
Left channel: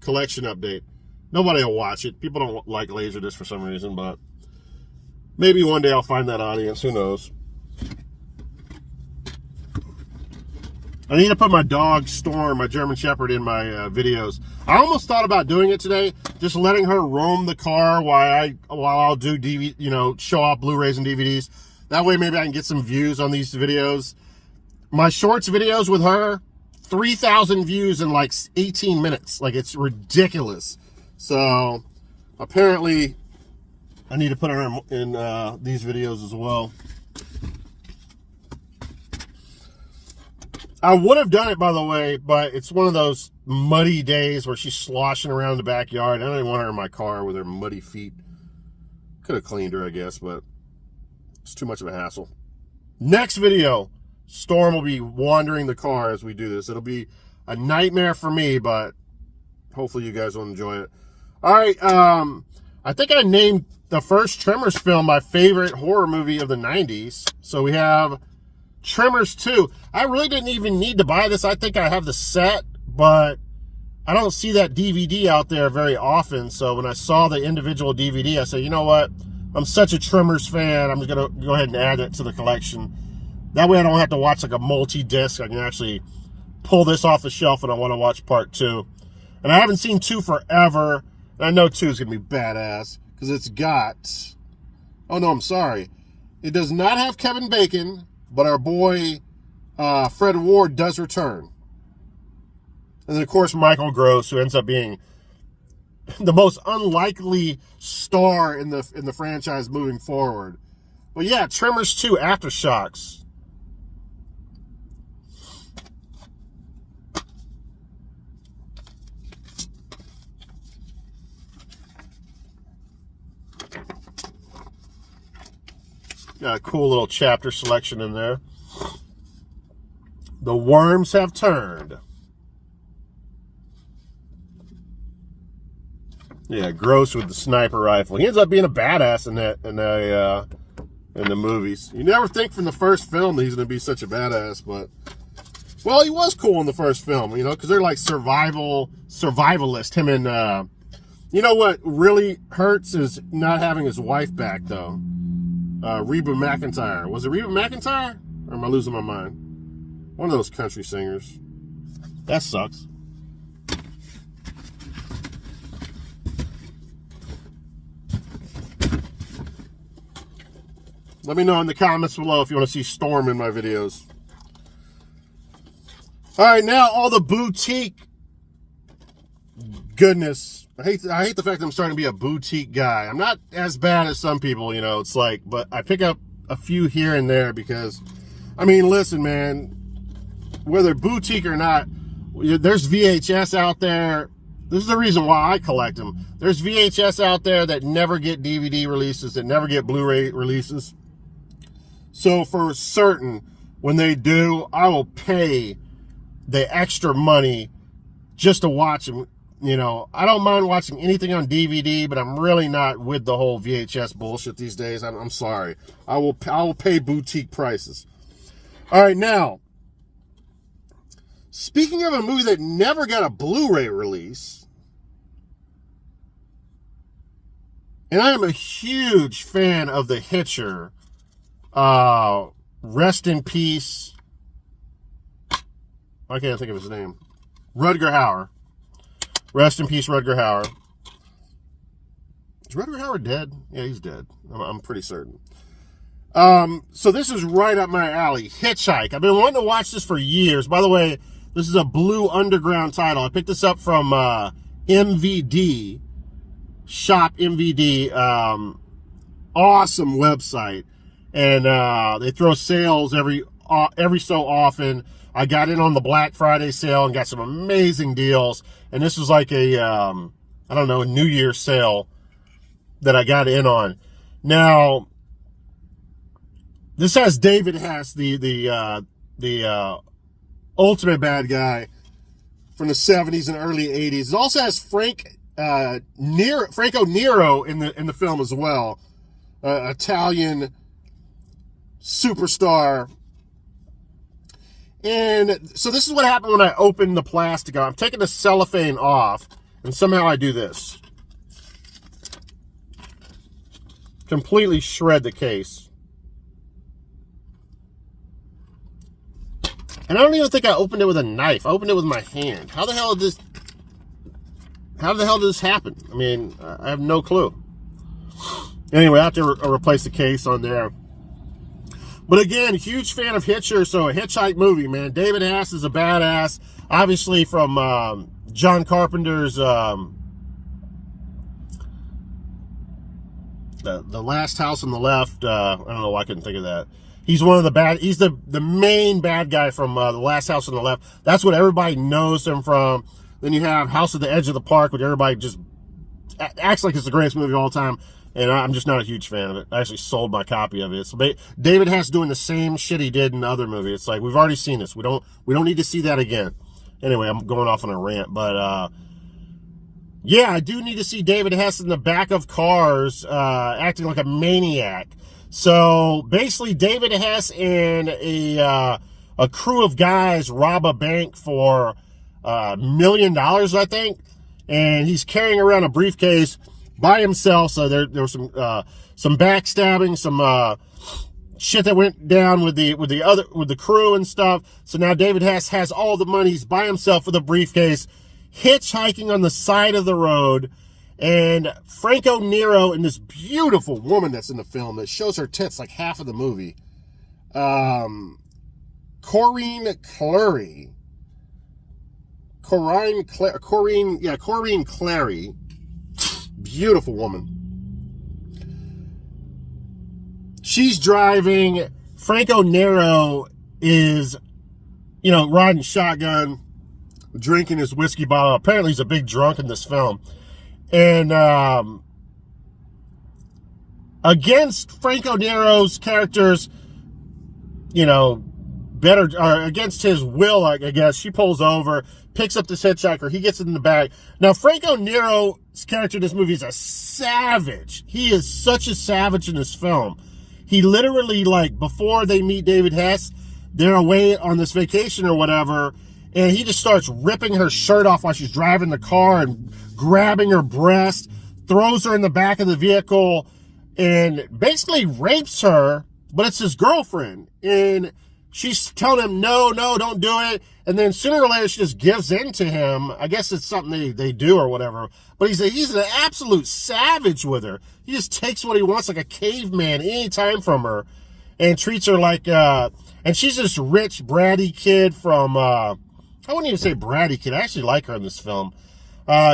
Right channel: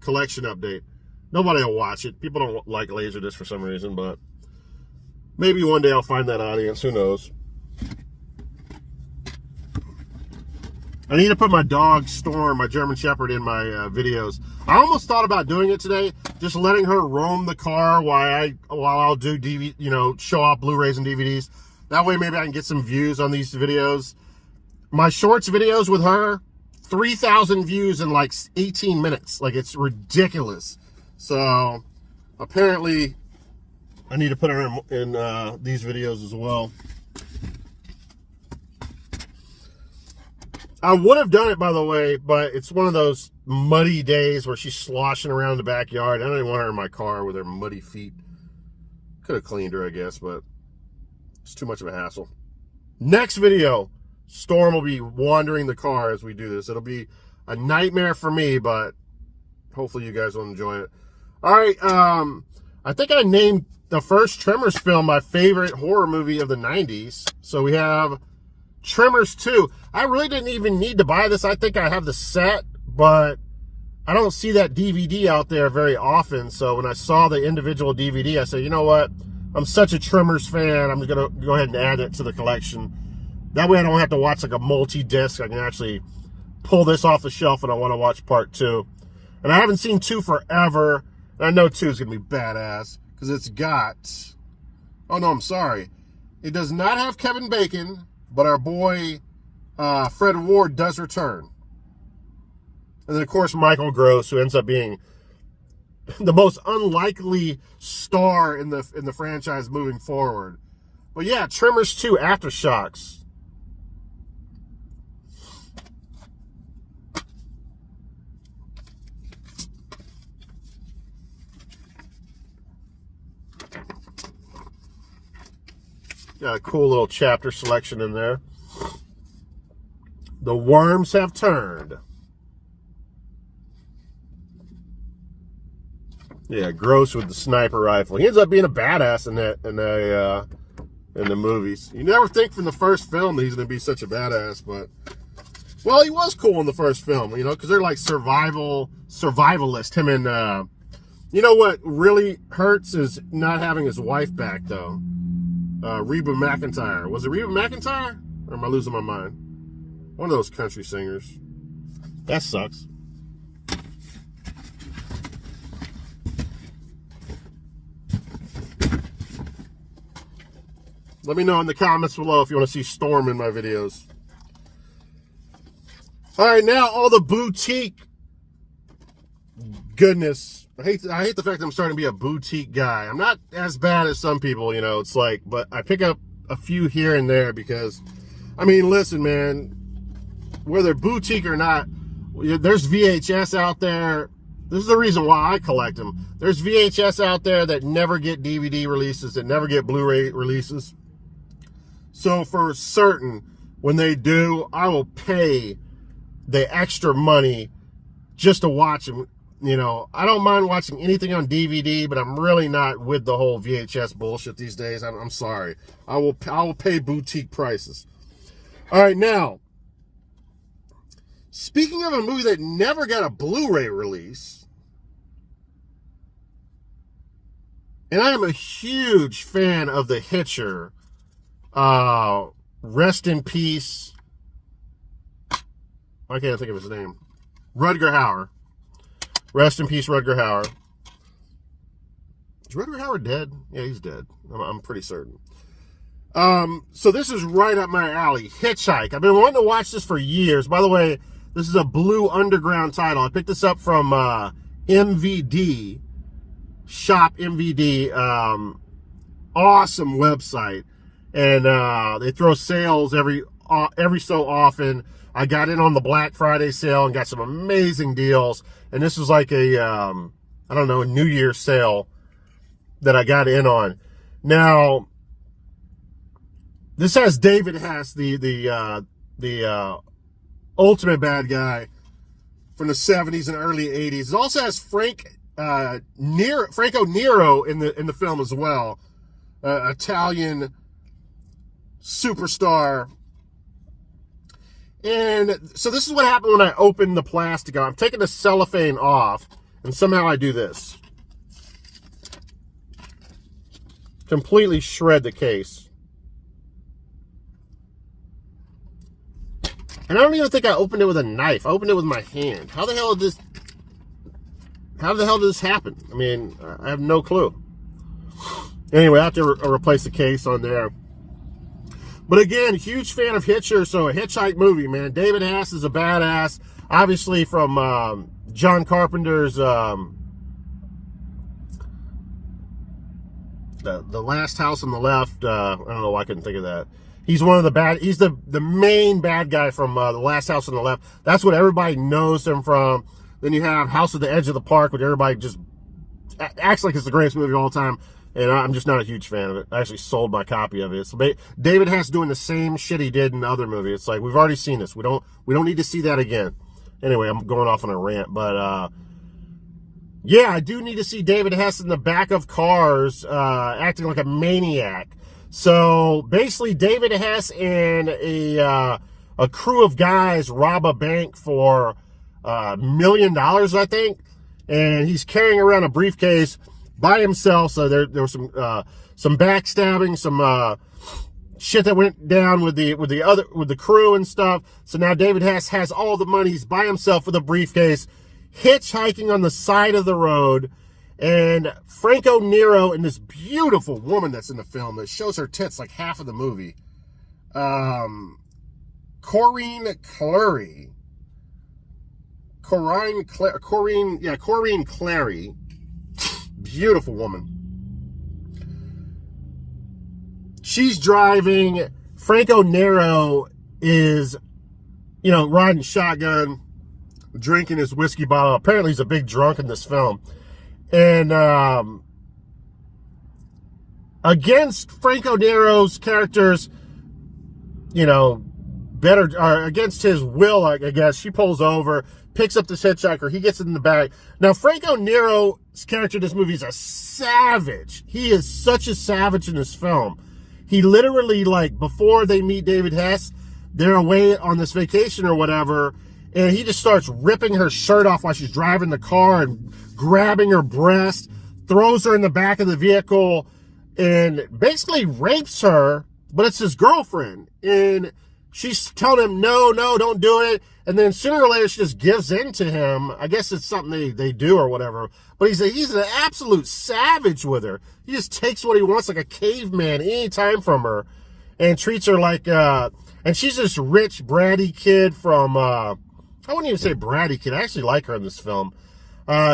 collection update. Nobody will watch it. People don't like Laserdisc for some reason, but maybe one day I'll find that audience. Who knows? I need to put my dog Storm, my German Shepherd, in my videos. I almost thought about doing it today, just letting her roam the car while I'll do DVD, you know, show off Blu-rays and DVDs. That way, maybe I can get some views on these videos. My shorts videos with her, 3,000 views in like 18 minutes. Like, it's ridiculous. So apparently, I need to put her in these videos as well. I would have done it, by the way, but it's one of those muddy days where she's sloshing around the backyard. I don't even want her in my car with her muddy feet. Could have cleaned her, I guess, but it's too much of a hassle. Next video, Storm will be wandering the car as we do this. It'll be a nightmare for me, but hopefully you guys will enjoy it. All right, I think I named the first Tremors film my favorite horror movie of the 90s. So we have Tremors 2. I really didn't even need to buy this. I think I have the set, but I don't see that DVD out there very often. So when I saw the individual DVD, I said, you know what? I'm such a Tremors fan. I'm just going to go ahead and add it to the collection. That way I don't have to watch like a multi-disc. I can actually pull this off the shelf when I want to watch part 2. And I haven't seen 2 forever. And I know 2 is going to be badass because it's got... Oh, no, I'm sorry. It does not have Kevin Bacon, but our boy Fred Ward does return. And then, of course, Michael Gross, who ends up being the most unlikely star in the franchise moving forward. But yeah, Tremors 2 Aftershocks. Got a cool little chapter selection in there. The worms have turned. Yeah, Gross with the sniper rifle. He ends up being a badass in the movies. You never think from the first film that he's going to be such a badass, but well, he was cool in the first film, you know, because they're like survivalist. Him and you know what really hurts is not having his wife back though. Reba McEntire. Was it Reba McEntire? Or am I losing my mind? One of those country singers. That sucks. Let me know in the comments below if you want to see Storm in my videos. All right, now all the boutique goodness. I hate the fact that I'm starting to be a boutique guy. I'm not as bad as some people, you know. It's like, but I pick up a few here and there because, I mean, listen, man, whether boutique or not, there's VHS out there. This is the reason why I collect them. There's VHS out there that never get DVD releases, that never get Blu-ray releases. So for certain, when they do, I will pay the extra money just to watch them. You know, I don't mind watching anything on DVD, but I'm really not with the whole VHS bullshit these days. I'm sorry. I will pay boutique prices. All right, now, speaking of a movie that never got a Blu-ray release, and I am a huge fan of The Hitcher. Rest in peace. I can't think of his name. Rutger Hauer. Rest in peace, Rutger Hauer. Is Rutger Hauer dead? Yeah, he's dead. I'm pretty certain. So this is right up my alley. Hitchhike. I've been wanting to watch this for years. By the way, this is a Blue Underground title. I picked this up from MVD. Shop MVD. Awesome website. And they throw sales every so often. I got in on the Black Friday sale and got some amazing deals. And this was like a, I don't know, New Year's sale that I got in on. Now, this has David Hess, the ultimate bad guy from the 70s and early 80s. It also has Franco Nero in the film as well. Italian superstar. And so this is what happened when I opened the plastic. I'm taking the cellophane off, and somehow I do this. Completely shred the case. And I don't even think I opened it with a knife. I opened it with my hand. How the hell did this happen? I mean, I have no clue. Anyway, I have to replace the case on there. But again, huge fan of Hitcher, so a Hitchhike movie, man. David Hess is a badass. Obviously from John Carpenter's The Last House on the Left. I don't know why I couldn't think of that. He's one of the he's the main bad guy from The Last House on the Left. That's what everybody knows him from. Then you have House at the Edge of the Park, which everybody just acts like it's the greatest movie of all time. And I'm just not a huge fan of it. I actually sold my copy of it. So David Hess doing the same shit he did in the other movie. It's like, we've already seen this. We don't need to see that again. Anyway, I'm going off on a rant. But, yeah, I do need to see David Hess in the back of cars acting like a maniac. So, basically, David Hess and a crew of guys rob a bank for $1 million, I think. And he's carrying around a briefcase by himself. So there was some backstabbing, some shit that went down with the crew and stuff. So now David Hess has all the money. He's by himself with a briefcase, hitchhiking on the side of the road. And Franco Nero and this beautiful woman that's in the film that shows her tits like half of the movie. Corinne Clary. Beautiful woman. She's driving. Franco Nero is, riding shotgun, drinking his whiskey bottle. Apparently he's a big drunk in this film. And against Franco Nero's characters, against his will, I guess, she pulls over, picks up this hitchhiker, he gets in the back. Now, Franco Nero's character in this movie is a savage. He is such a savage in this film. He literally, before they meet David Hess, they're away on this vacation or whatever, and he just starts ripping her shirt off while she's driving the car and grabbing her breast, throws her in the back of the vehicle, and basically rapes her, but it's his girlfriend. And she's telling him, no, don't do it. And then sooner or later, she just gives in to him. I guess it's something they do or whatever. But he's an absolute savage with her. He just takes what he wants like a caveman anytime from her and treats her like, and she's this rich, bratty kid from, I wouldn't even say bratty kid. I actually like her in this film.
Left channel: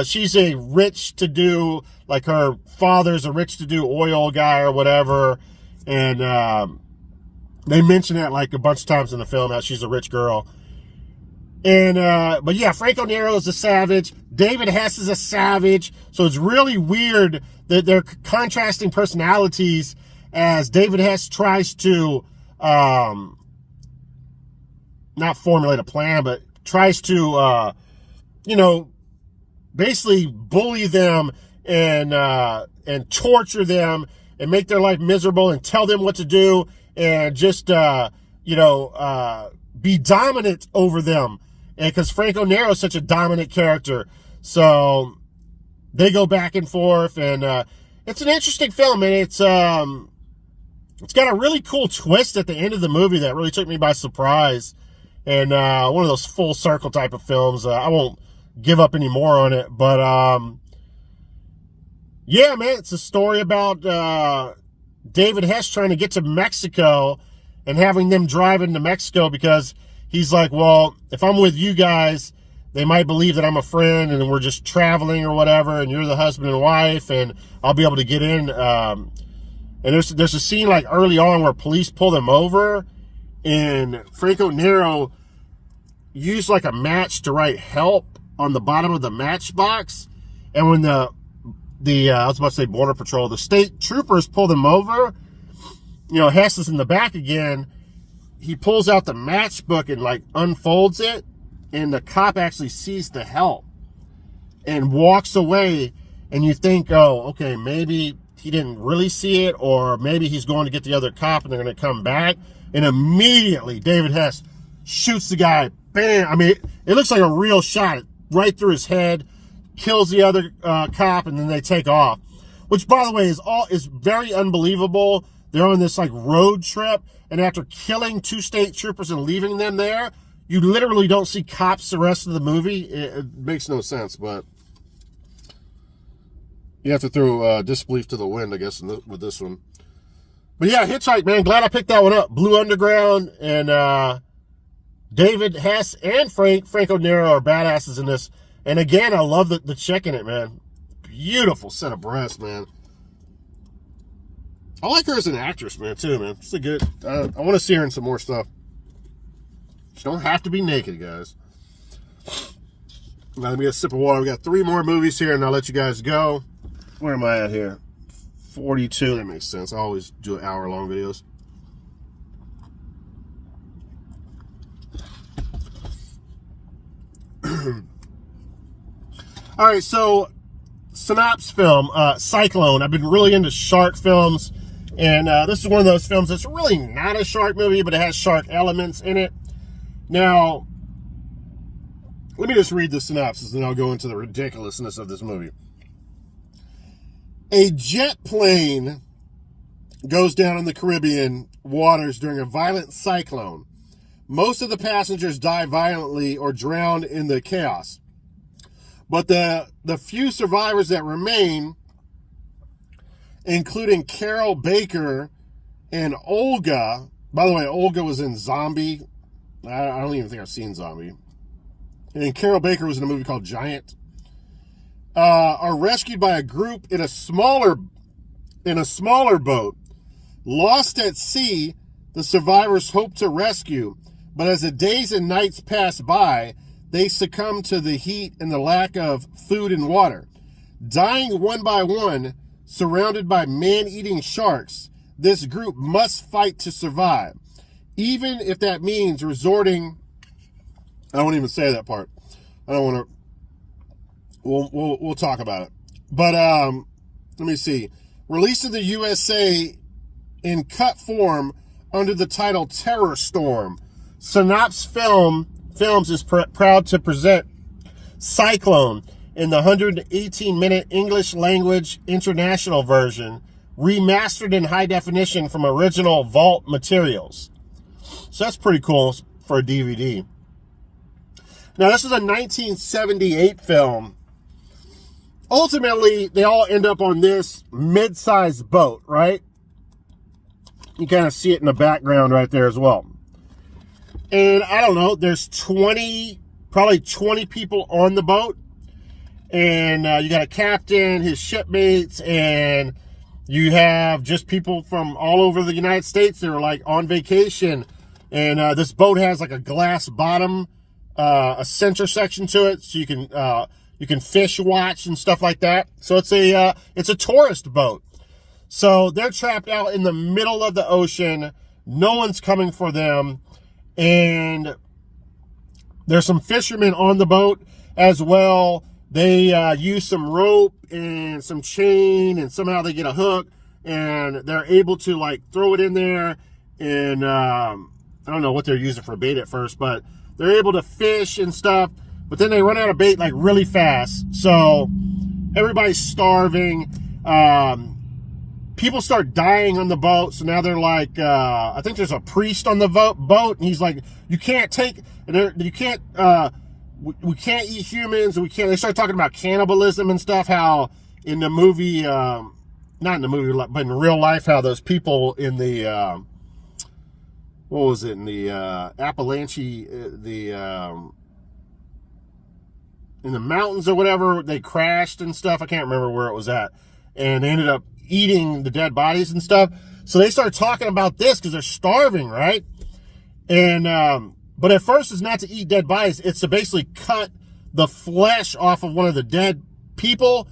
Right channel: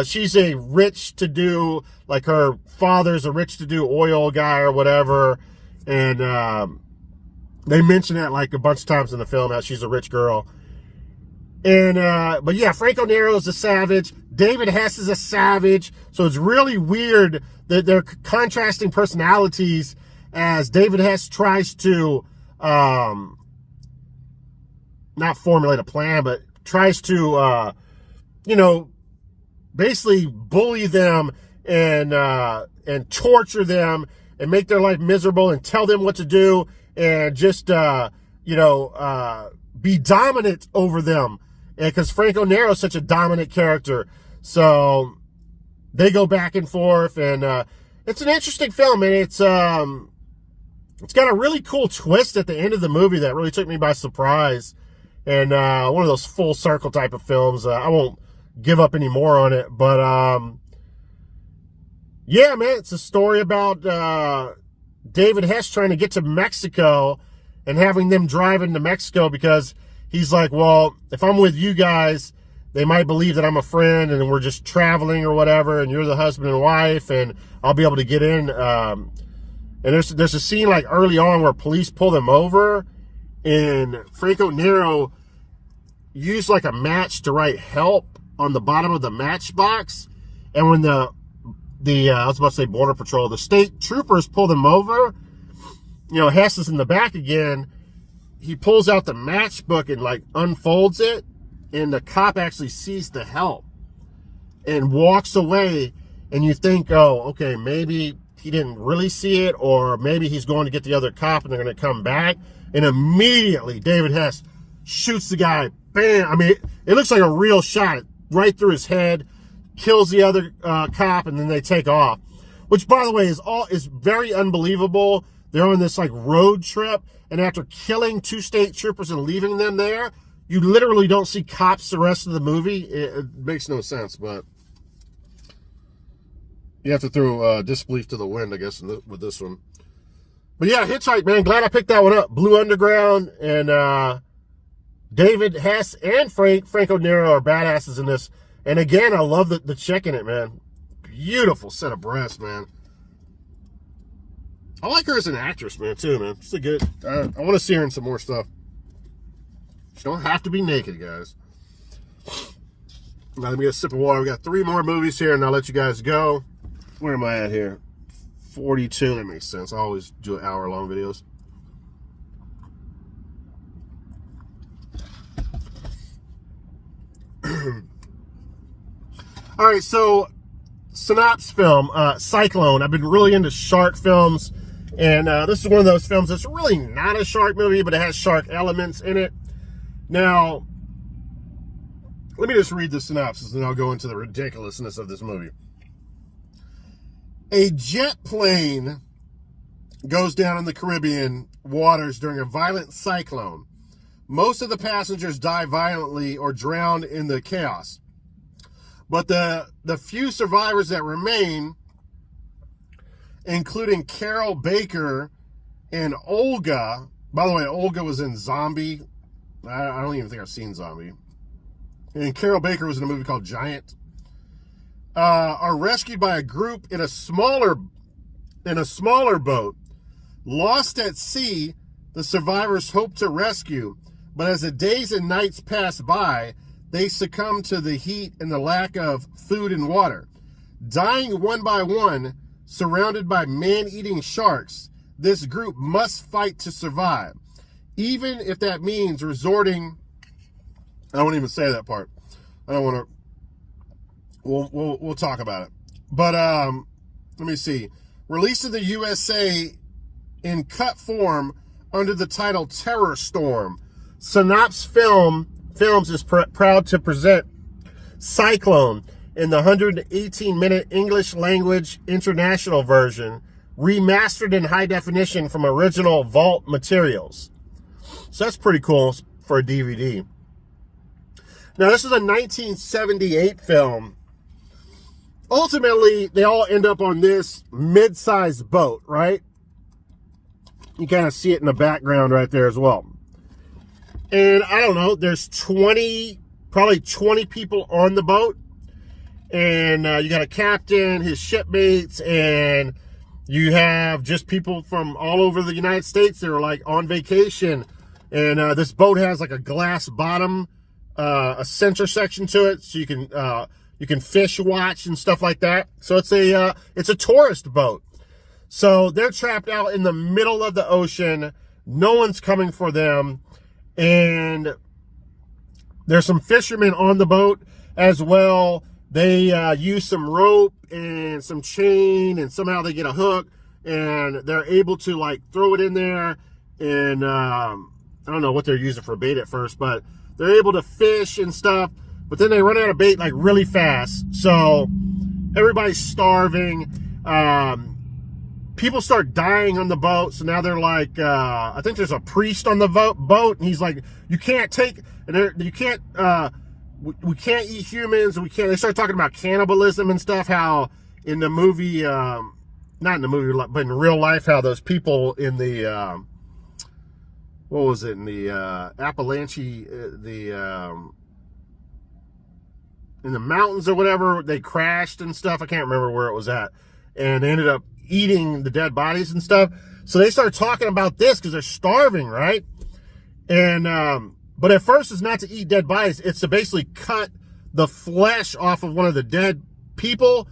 She's a rich-to-do, like her father's a rich-to-do oil guy or whatever. And they mention that a bunch of times in the film, how she's a rich girl. And, but yeah, Franco Nero is a savage. David Hess is a savage. So it's really weird that they're contrasting personalities as David Hess tries to, not formulate a plan, but tries to, basically bully them and torture them and make their life miserable and tell them what to do and just be dominant over them. And because Franco Nero is such a dominant character, so they go back and forth, and it's an interesting film, and it's got a really cool twist at the end of the movie that really took me by surprise, and one of those full circle type of films. I won't give up any more on it, but yeah, man, it's a story about David Hess trying to get to Mexico and having them drive into Mexico because he's like, well, if I'm with you guys, they might believe that I'm a friend and we're just traveling or whatever, and you're the husband and wife, and I'll be able to get in. And there's a scene like early on where police pull them over, and Franco Nero used like a match to write help on the bottom of the matchbox. And when I was about to say Border Patrol, the state troopers pull them over, Hess is in the back again. He pulls out the matchbook and like unfolds it, and the cop actually sees the help and walks away, and you think, oh, okay, maybe he didn't really see it, or maybe he's going to get the other cop and they're going to come back, and immediately David Hess shoots the guy. Bam! I mean, it looks like a real shot right through his head, kills the other cop, and then they take off, which, by the way, is very unbelievable. They're on this like road trip, and after killing 2 state troopers and leaving them there, you literally don't see cops the rest of the movie. It makes no sense, but you have to throw disbelief to the wind, I guess, with this one. But yeah, Hitchhike, man, glad I picked that one up. Blue Underground, and David Hess and Franco Nero are badasses in this. And again, I love the chick in it, man. Beautiful set of breasts, man. I like her as an actress, man, too, man. She's a good, I want to see her in some more stuff. She don't have to be naked, guys. Now, let me get a sip of water. We got 3 more movies here, and I'll let you guys go. Where am I at here? 42. That makes sense. I always do hour-long videos. All right, so Synapse film, Cyclone. I've been really into shark films, and this is one of those films that's really not a shark movie, but it has shark elements in it. Now, let me just read the synopsis, and then I'll go into the ridiculousness of this movie. A jet plane goes down in the Caribbean waters during a violent cyclone. Most of the passengers die violently or drown in the chaos. But the few survivors that remain, including Carol Baker and Olga, by the way, Olga was in Zombie. I don't even think I've seen Zombie. And Carol Baker was in a movie called Giant. Are rescued by a group in a smaller boat. Lost at sea, the survivors hope to rescue, but as the days and nights pass by, they succumb to the heat and the lack of food and water. Dying one by one, surrounded by man-eating sharks, this group must fight to survive, even if that means resorting. I won't even say that part. I don't want to. We'll talk about it. But let me see. Released in the USA in cut form under the title Terror Storm, Synapse Films is proud to present Cyclone in the 118-minute English language international version, remastered in high definition from original vault materials. So that's pretty cool for a DVD. Now, this is a 1978 film. Ultimately, they all end up on this mid-sized boat, right? You kind of see it in the background right there as well. And I don't know, there's probably 20 people on the boat. And you got a captain, his shipmates, and you have just people from all over the United States that are like on vacation. And this boat has like a glass bottom, a center section to it, so you can fish watch and stuff like that. So it's a tourist boat. So they're trapped out in the middle of the ocean. No one's coming for them. And there's some fishermen on the boat as well They use some rope and some chain, and somehow they get a hook, and they're able to like throw it in there. And I don't know what they're using for bait at first, but they're able to fish and stuff. But then they run out of bait like really fast. So everybody's starving. People start dying on the boat. So now they're like, I think there's a priest on the boat, and he's like, you can't take, and you can't, we can't eat humans. We can't. They start talking about cannibalism and stuff. How in the movie, not in the movie, but in real life, how those people in the, what was it, in the Appalachia, in the mountains or whatever, they crashed and stuff. I can't remember where it was at. And they ended up eating the dead bodies and stuff. So they started talking about this because they're starving, right? And, but at first it's not to eat dead bodies. It's to basically cut the flesh off of one of the dead people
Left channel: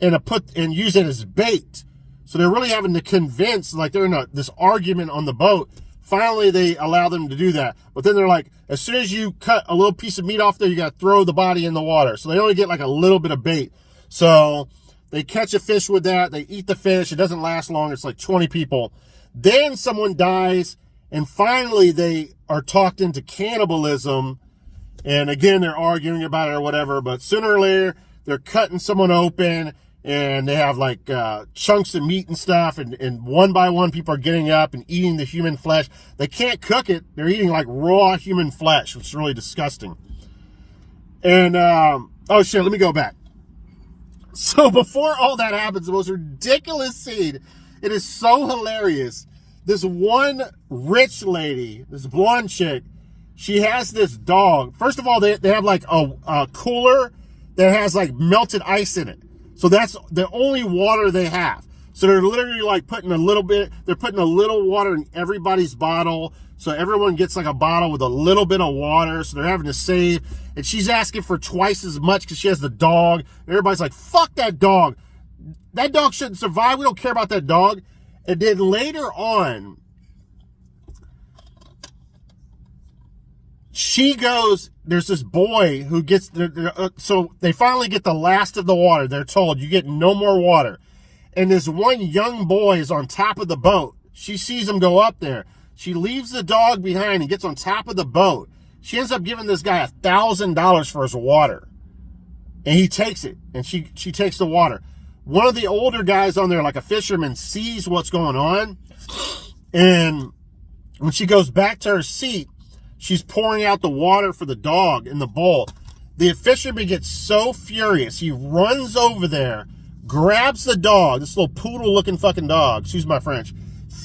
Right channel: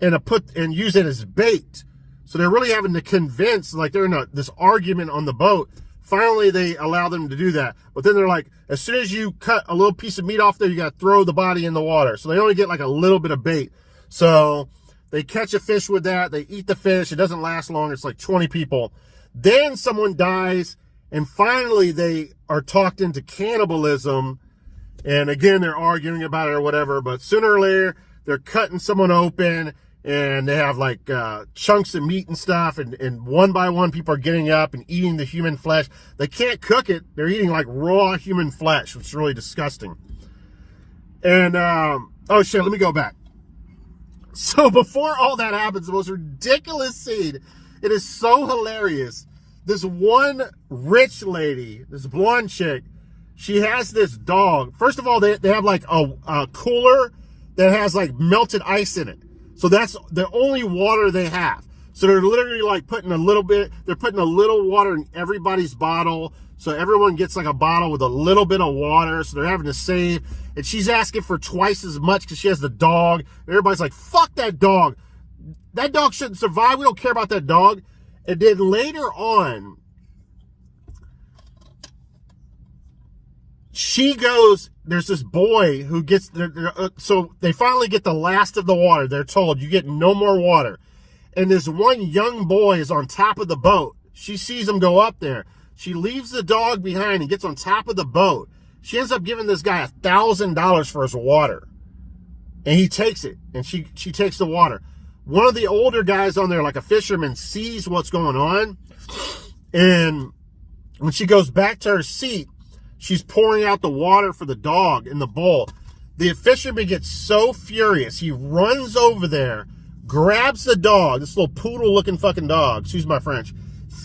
and use it as bait. So they're really having to convince, like they're in this argument on the boat. Finally, they allow them to do that. But then they're like, as soon as you cut a little piece of meat off there, you got to throw the body in the water. So they only get like a little bit of bait. So they catch a fish with that. They eat the fish. It doesn't last long. It's like 20 people. Then someone dies. And finally, they are talked into cannibalism. And again, they're arguing about it or whatever. But sooner or later, they're cutting someone open. And they have like chunks of meat and stuff. And one by one, people are getting up and eating the human flesh. They can't cook it. They're eating like raw human flesh, which is really disgusting. And, oh shit, let me go back. So before all that happens, the most ridiculous scene, it is so hilarious. This one rich lady, this blonde chick, she has this dog. First of all, they have like a cooler that has like melted ice in it. So that's the only water they have. So they're literally like they're putting a little water in everybody's bottle. So everyone gets like a bottle with a little bit of water. So they're having to save. And she's asking for twice as much because she has the dog. And everybody's like, fuck that dog. That dog shouldn't survive. We don't care about that dog. And then later on, she goes, there's this boy who gets, so they finally get the last of the water. They're told, you get no more water. And this one young boy is on top of the boat. She sees him go up there. She leaves the dog behind and gets on top of the boat. She ends up giving this guy $1,000 for his water. And he takes it, and she takes the water. One of the older guys on there, like a fisherman, sees what's going on. And when she goes back to her seat, she's pouring out the water for the dog in the bowl. The fisherman gets so furious. He runs over there, grabs the dog, this little poodle-looking fucking dog, excuse my French,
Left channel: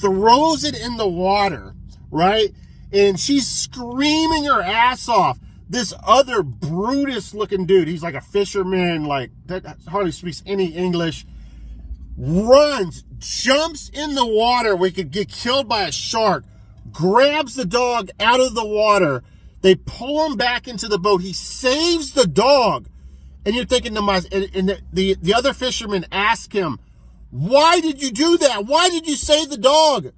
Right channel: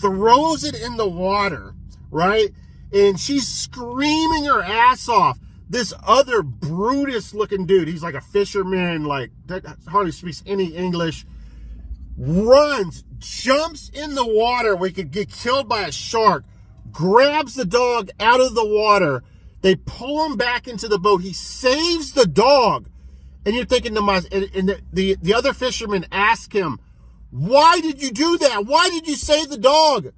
throws it in the water, right? And she's screaming her ass off. This other Brutus-looking dude, he's like a fisherman, like, that hardly speaks any English, runs, jumps in the water where he could get killed by a shark, grabs the dog out of the water. They pull him back into the boat. He saves the dog. And you're thinking to myself, and the other fisherman ask him, why did you do that? Why did you save the dog?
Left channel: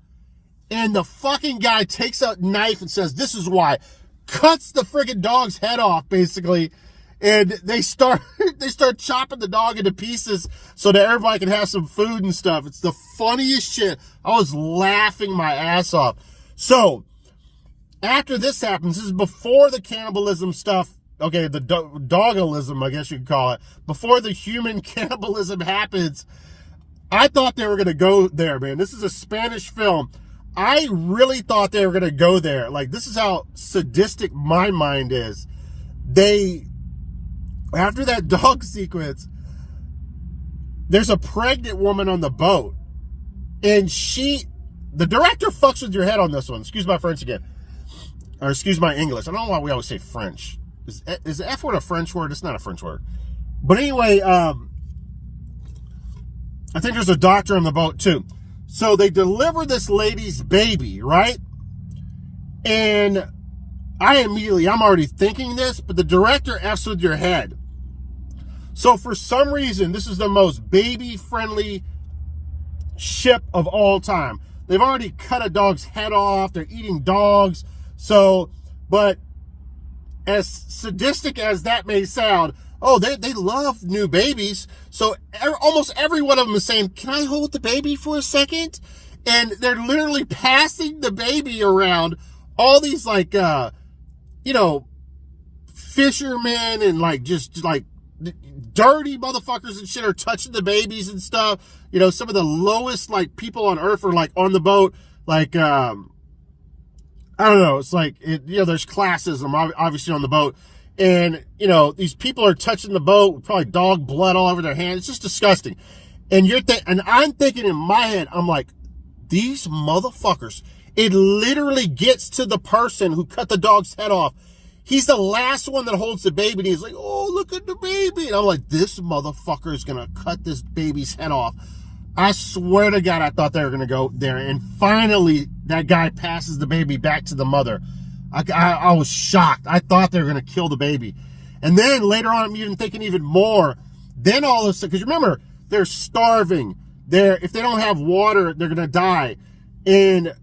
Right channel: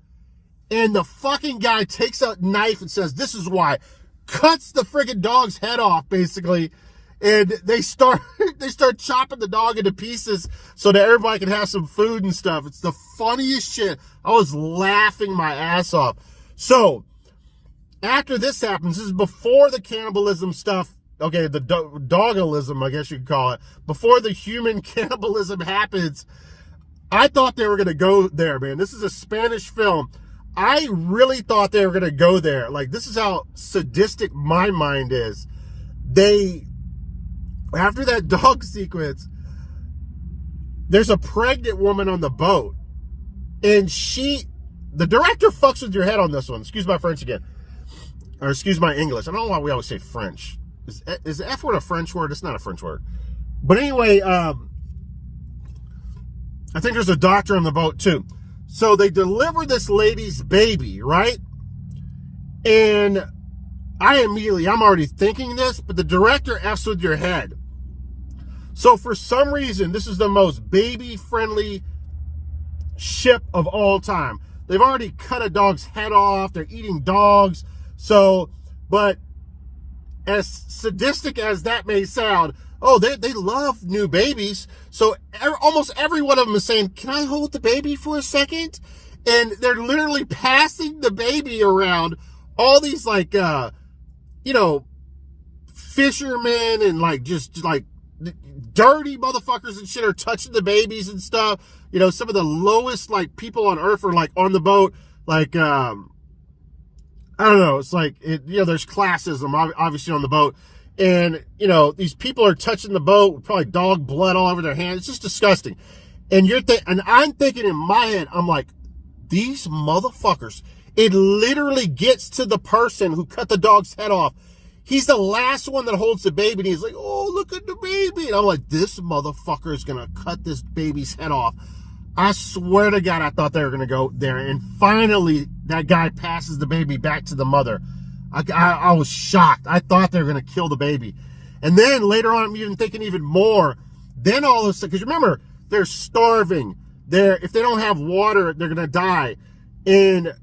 And the fucking guy takes a knife and says, this is why. Cuts the friggin' dog's head off, basically. And they start chopping the dog into pieces so that everybody can have some food and stuff. It's the funniest shit. I was laughing my ass off. So, after this happens, this is before the cannibalism stuff, okay, the dogalism, I guess you could call it. Before the human cannibalism happens, I thought they were going to go there, man. This is a Spanish film. I really thought they were going to go there. Like, this is how sadistic my mind is. After that dog sequence, there's a pregnant woman on the boat. And the director fucks with your head on this one. Excuse my French again. Or excuse my English. I don't know why we always say French. Is the F word a French word? It's not a French word. But anyway, I think there's a doctor on the boat too. So they deliver this lady's baby, right? And I'm already thinking this, but the director F's with your head. So for some reason, this is the most baby-friendly ship of all time. They've already cut a dog's head off. They're eating dogs. So, but as sadistic as that may sound, oh, they love new babies. So almost every one of them is saying, can I hold the baby for a second? And they're literally passing the baby around. All these like, you know, fishermen and like just like dirty motherfuckers and shit are touching the babies and stuff. You know, some of the lowest like people on earth are like on the boat. Like, I don't know. It's like, you know, there's classism obviously on the boat. And, you know, these people are touching the boat, probably dog blood all over their hands. It's just disgusting. And and I'm thinking in my head, I'm like, these motherfuckers, it literally gets to the person who cut the dog's head off. He's the last one that holds the baby, and he's like, oh, look at the baby. And I'm like, this motherfucker is going to cut this baby's head off. I swear to God, I thought they were going to go there. And finally, that guy passes the baby back to the mother. I was shocked. I thought they were going to kill the baby. And then later on, I'm even thinking even more. Then all of a sudden, because remember, they're starving. If they don't have water, they're going to die. And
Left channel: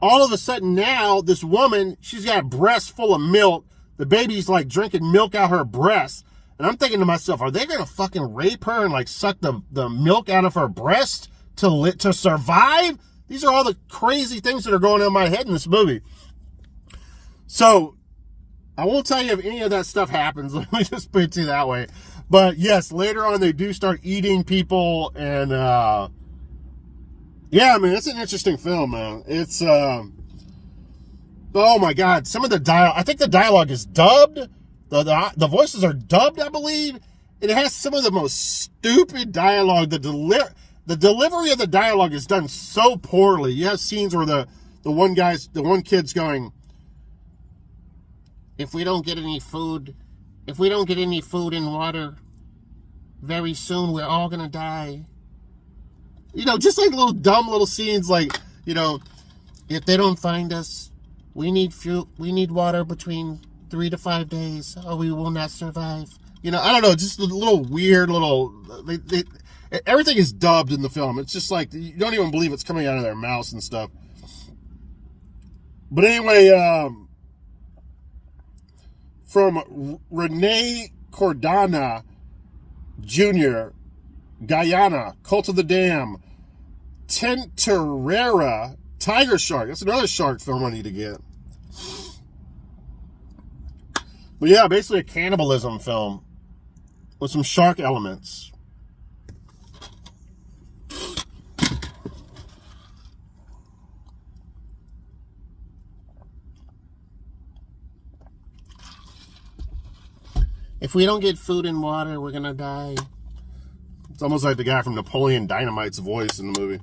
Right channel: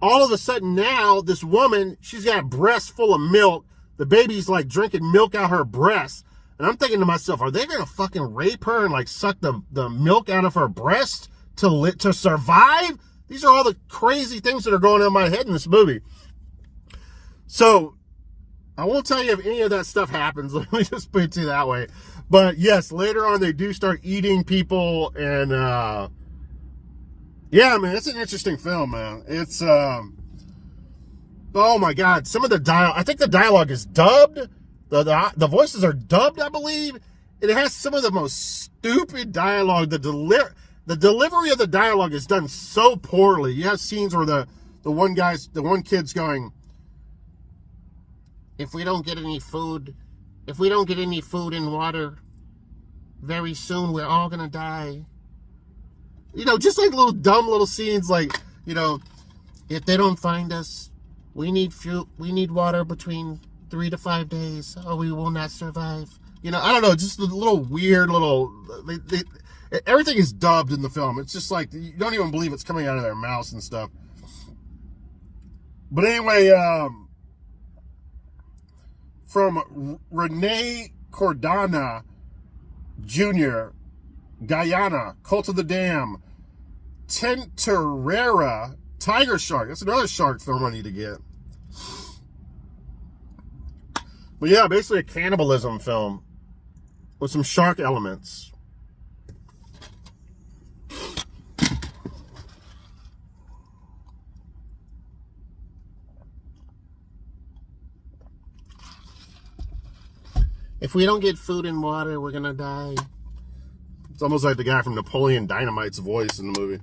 all of a sudden now, this woman, she's got breasts full of milk. The baby's like drinking milk out her breast. And I'm thinking to myself, are they going to fucking rape her and like suck the milk out of her breast to survive? These are all the crazy things that are going on in my head in this movie. So I won't tell you if any of that stuff happens. Let me just put it to you that way. But yes, later on they do start eating people, and yeah, man, it's an interesting film, man. It's oh my God, some of the dialogue. I think the dialogue is dubbed. The voices are dubbed, I believe. And it has some of the most stupid dialogue. The delivery of the dialogue is done so poorly. You have scenes where the one kid's going, if we don't get any food and water, very soon we're all gonna die. You know, just like little dumb little scenes, like, you know, if they don't find us, we need water between 3 to 5 days, or we will not survive. You know, I don't know, just a little weird everything is dubbed in the film. It's just like, you don't even believe it's coming out of their mouths and stuff. But anyway, from Rene Cordana Jr., Guyana, Cult of the Dam, Tenterera, Tiger Shark. That's another shark film I need to get. But yeah, basically a cannibalism film with some shark elements. If we don't get food and water, we're gonna die. It's almost like the guy from Napoleon Dynamite's voice in the movie.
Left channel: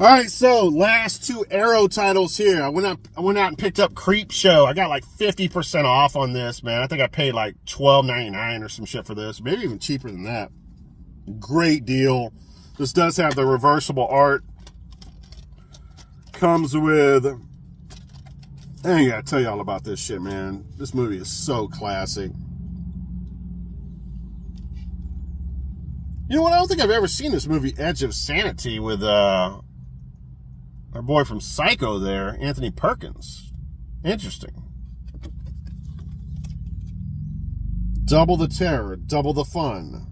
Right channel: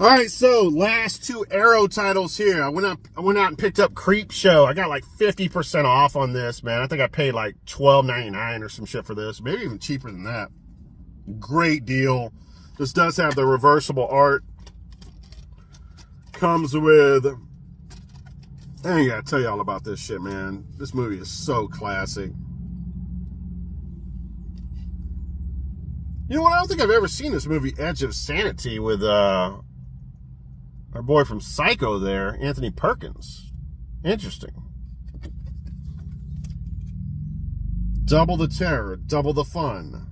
All right, so last two Arrow titles here. I went out and picked up Creep Show. I got like 50% off on this, man. I think I paid like $12.99 or some shit for this. Maybe even cheaper than that. Great deal. This does have the reversible art. Comes with... I ain't gotta tell you all about this shit, man. This movie is so classic. You know what? I don't think I've ever seen this movie, Edge of Sanity, with our boy from Psycho there, Anthony Perkins. Interesting. Double the terror, double the fun.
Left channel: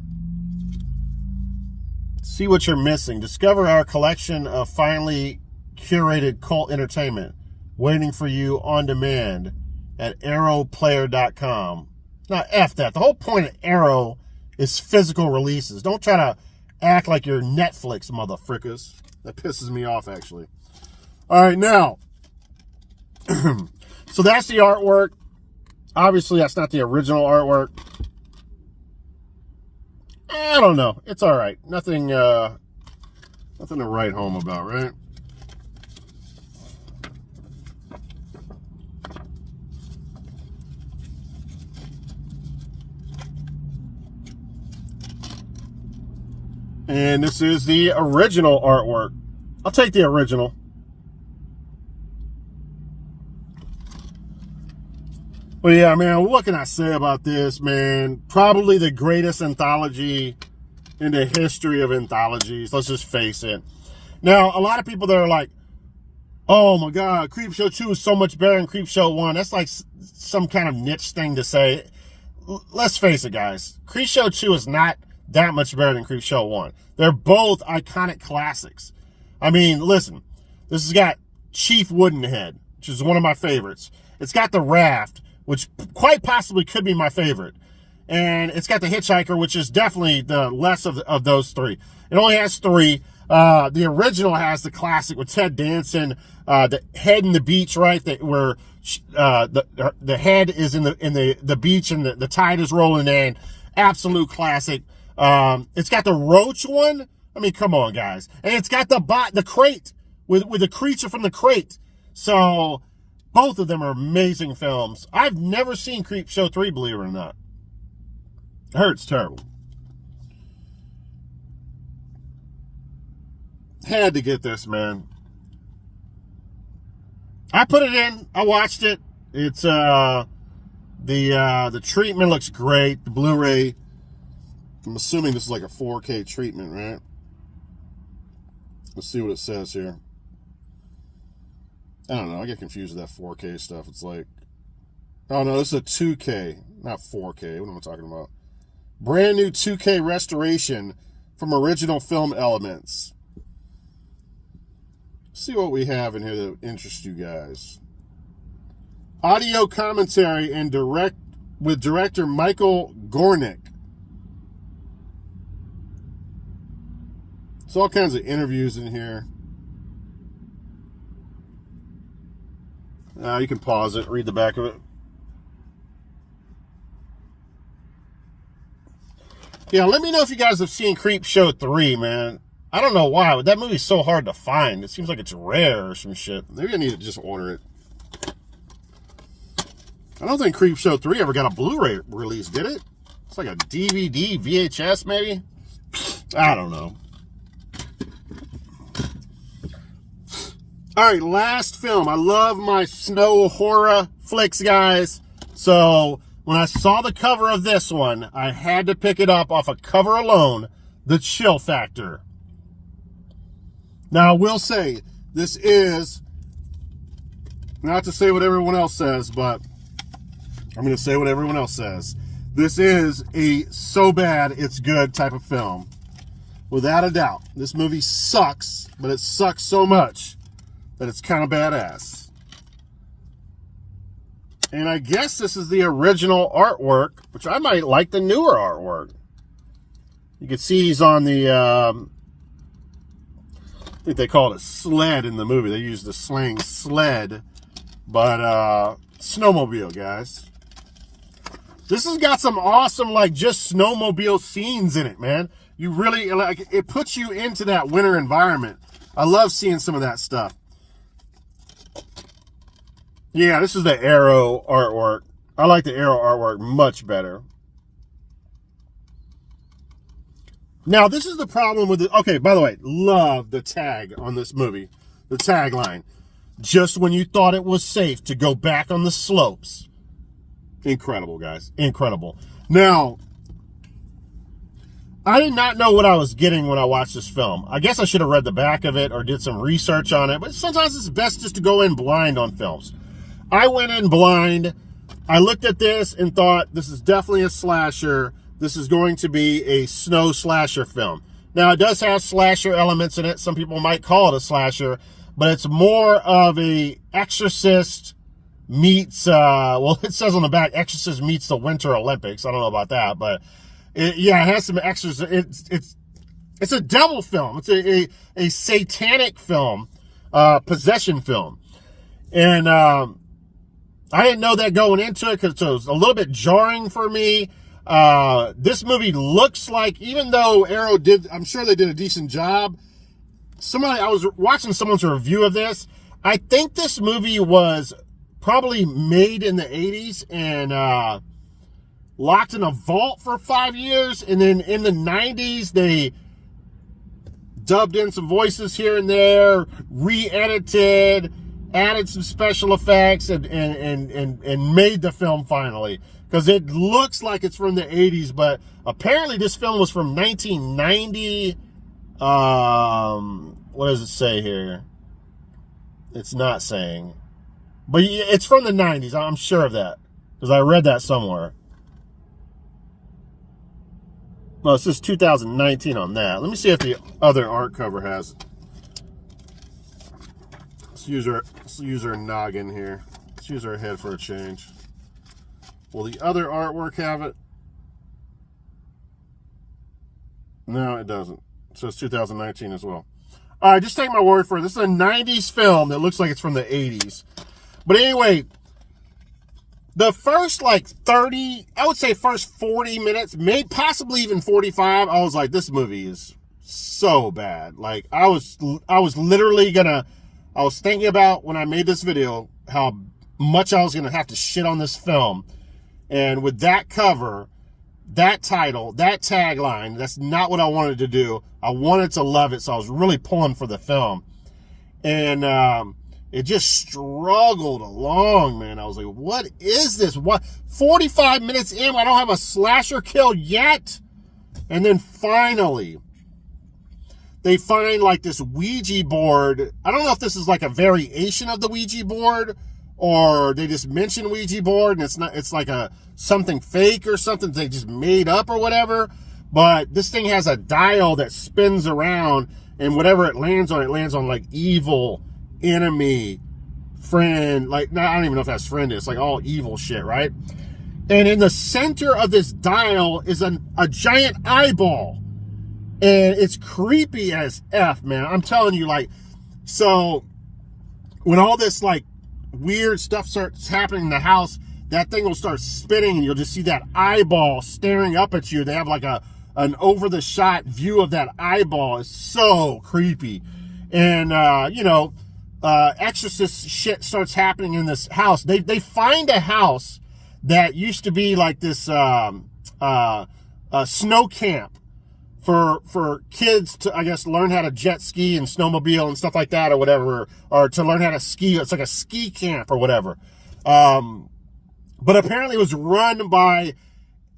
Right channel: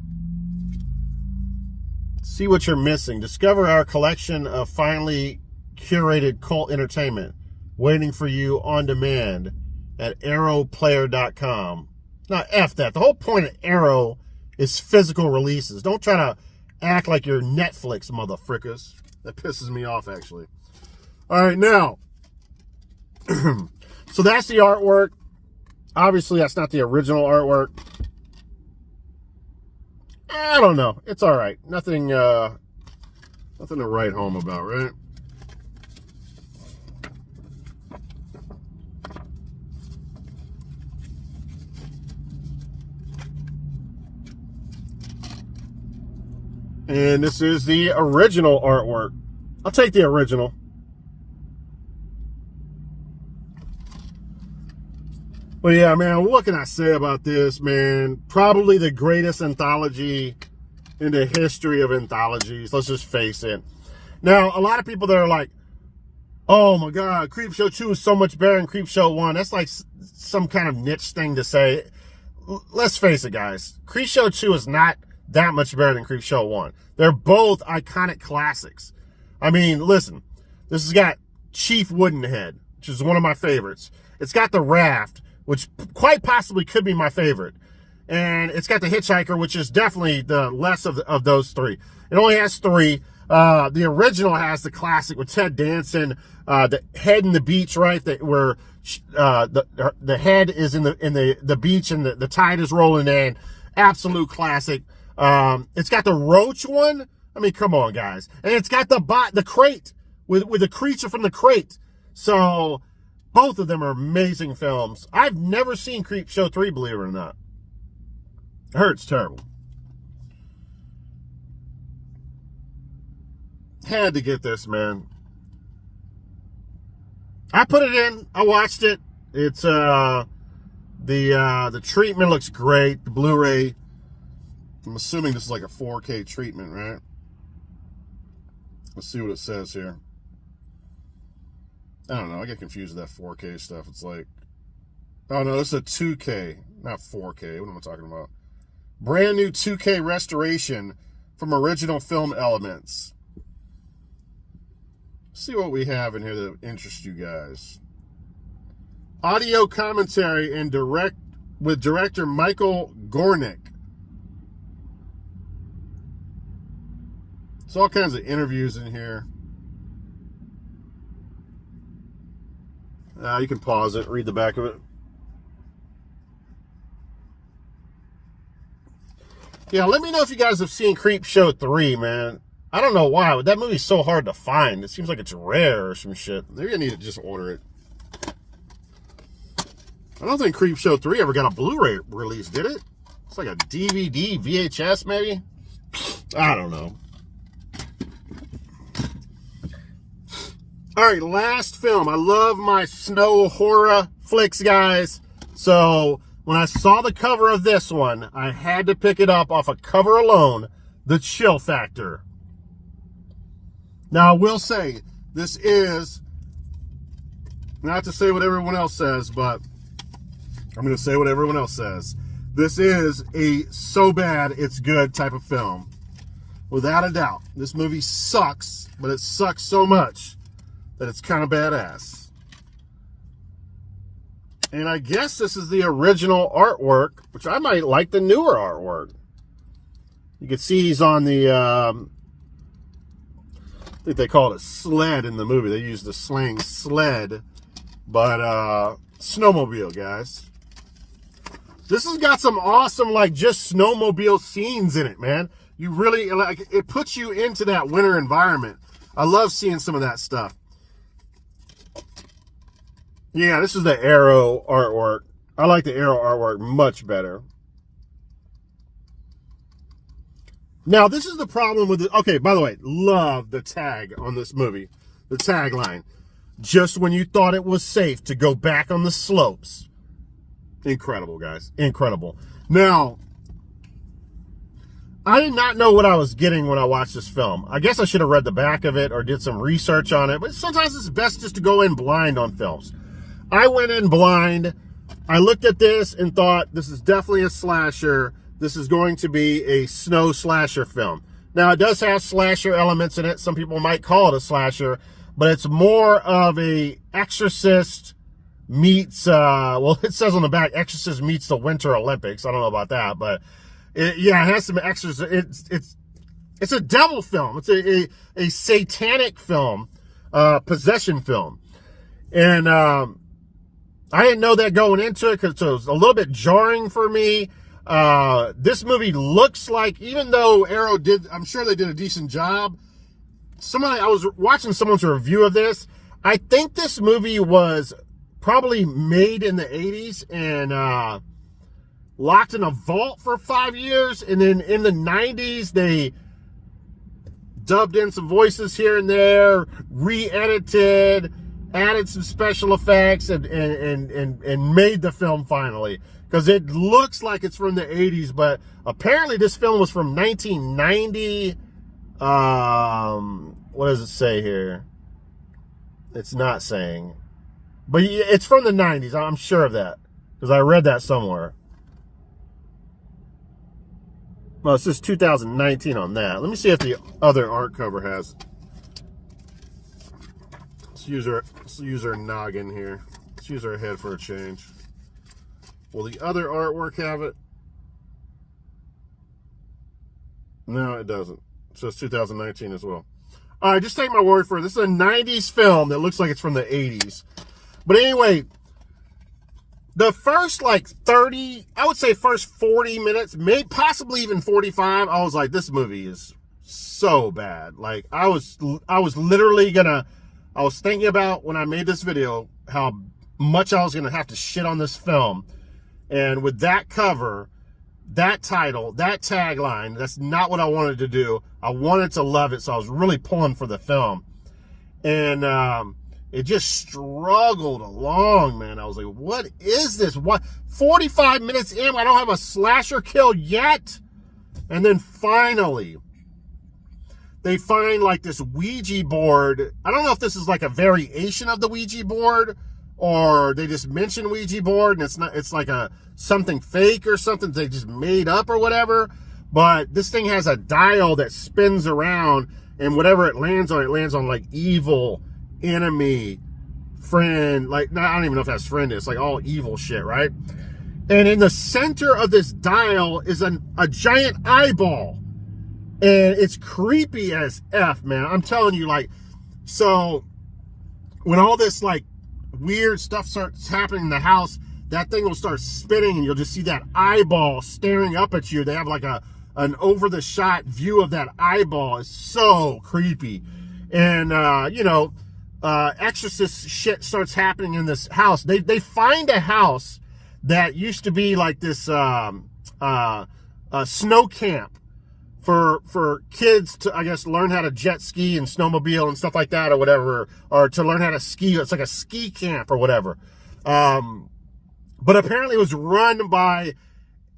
See what you're missing. Discover our collection of finely curated cult entertainment waiting for you on demand at arrowplayer.com. Now, F that. The whole point of Arrow is physical releases. Don't try to act like you're Netflix, motherfrickers. That pisses me off, actually. All right, now. So that's the artwork. Obviously, that's not the original artwork. I don't know. It's all right. Nothing to write home about, right? And this is the original artwork. I'll take the original. But yeah, man, what can I say about this, man? Probably the greatest anthology in the history of anthologies. Let's just face it. Now, a lot of people that are like, oh my God, Creepshow 2 is so much better than Creepshow 1. That's like some kind of niche thing to say. let's face it, guys. Creepshow 2 is not that much better than Creepshow 1. They're both iconic classics. I mean, listen, this has got Chief Woodenhead, which is one of my favorites. It's got The Raft, which quite possibly could be my favorite. And it's got The Hitchhiker, which is definitely the less of those three. It only has 3. The original has the classic with Ted Danson, the head in the beach, right? Where the head is in the beach and the tide is rolling in. Absolute classic. It's got the roach one. I mean, come on, guys. And it's got the crate with the creature from the crate. So both of them are amazing films. I've never seen Creepshow 3, believe it or not. I heard it's terrible. Had to get this, man. I put it in. I watched it. It's the treatment looks great. The Blu-ray. I'm assuming this is like a 4K treatment, right? Let's see what it says here. I don't know. I get confused with that 4K stuff. It's like, oh no, this is a 2K, not 4K. What am I talking about? Brand new 2K restoration from original film elements. See what we have in here that interests you guys. Audio commentary and with director Michael Gornick. There's all kinds of interviews in here. You can pause it, read the back of it. Yeah, let me know if you guys have seen Creepshow 3, man. I don't know why, but that movie's so hard to find. It seems like it's rare or some shit. Maybe I need to just order it. I don't think Creepshow 3 ever got a Blu-ray release, did it? It's like a DVD, VHS maybe? I don't know. All right, last film. I love my snow horror flicks, guys. So when I saw the cover of this one, I had to pick it up off a cover alone, The Chill Factor. Now, I will say, this is, not to say what everyone else says, but I'm going to say what everyone else says. This is a so bad it's good type of film. Without a doubt. This movie sucks, but it sucks so much that it's kind of badass. And I guess this is the original artwork, which I might like the newer artwork. You can see he's on the, I think they call it a sled in the movie. They use the slang sled, but snowmobile, guys. This has got some awesome, like, just snowmobile scenes in it, man. You really, like, it puts you into that winter environment. I love seeing some of that stuff. Yeah, this is the Arrow artwork. I like the Arrow artwork much better. Now, this is the problem with the... Okay, by the way, love the tag on this movie. The tagline. Just when you thought it was safe to go back on the slopes. Incredible, guys. Incredible. Now, I did not know what I was getting when I watched this film. I guess I should have read the back of it or did some research on it. But sometimes it's best just to go in blind on films. I went in blind. I looked at this and thought, this is definitely a slasher. This is going to be a snow slasher film. Now, it does have slasher elements in it. Some people might call it a slasher, but it's more of a Exorcist meets, well, it says on the back, Exorcist meets the Winter Olympics. I don't know about that, but yeah, it has some Exorcist. It's a devil film. It's a satanic film, possession film. And I didn't know that going into it because it was a little bit jarring for me. This movie looks like, even though Arrow did, I'm sure they did a decent job. I was watching someone's review of this. I think this movie was probably made in the 80s and locked in a vault for 5 years. And then in the 90s, they dubbed in some voices here and there, re-edited, added some special effects, and made the film finally. Because it looks like it's from the 80s, but apparently this film was from 1990. What does it say here? It's not saying. But it's from the 90s. I'm sure of that. Because I read that somewhere. Well, it says 2019 on that. Let me see if the other art cover has it. Let's use our noggin here. Let's use our head for a change. Will the other artwork have it? No, it doesn't. It says 2019 as well. All right, just take my word for it. This is a 90s film that looks like it's from the 80s. But anyway, the first like 30, I would say first 40 minutes, maybe possibly even 45, I was like, this movie is so bad. Like I was literally I was thinking about when I made this video how much I was gonna have to shit on this film. And with that cover, that title, that tagline, that's not what I wanted to do. I wanted to love it, so I was really pulling for the film. And it just struggled along, man. I was like, what is this? What? 45 minutes in, I don't have a slasher kill yet? And then finally, they find like this Ouija board. I don't know if this is like a variation of the Ouija board, or they just mention Ouija board and it's like something fake or something they just made up or whatever. But this thing has a dial that spins around, and whatever it lands on like evil, enemy, friend, like, I don't even know if that's friend, it's like all evil shit, right? And in the center of this dial is a giant eyeball, and it's creepy as F, man. I'm telling you, like, so when all this like weird stuff starts happening in the house, that thing will start spinning and you'll just see that eyeball staring up at you. They have like an over the shot view of that eyeball. It's so creepy. And exorcist shit starts happening in this house. They find a house that used to be like this snow camp for kids to, I guess, learn how to jet ski and snowmobile and stuff like that or whatever, or to learn how to ski. It's like a ski camp or whatever. But apparently it was run by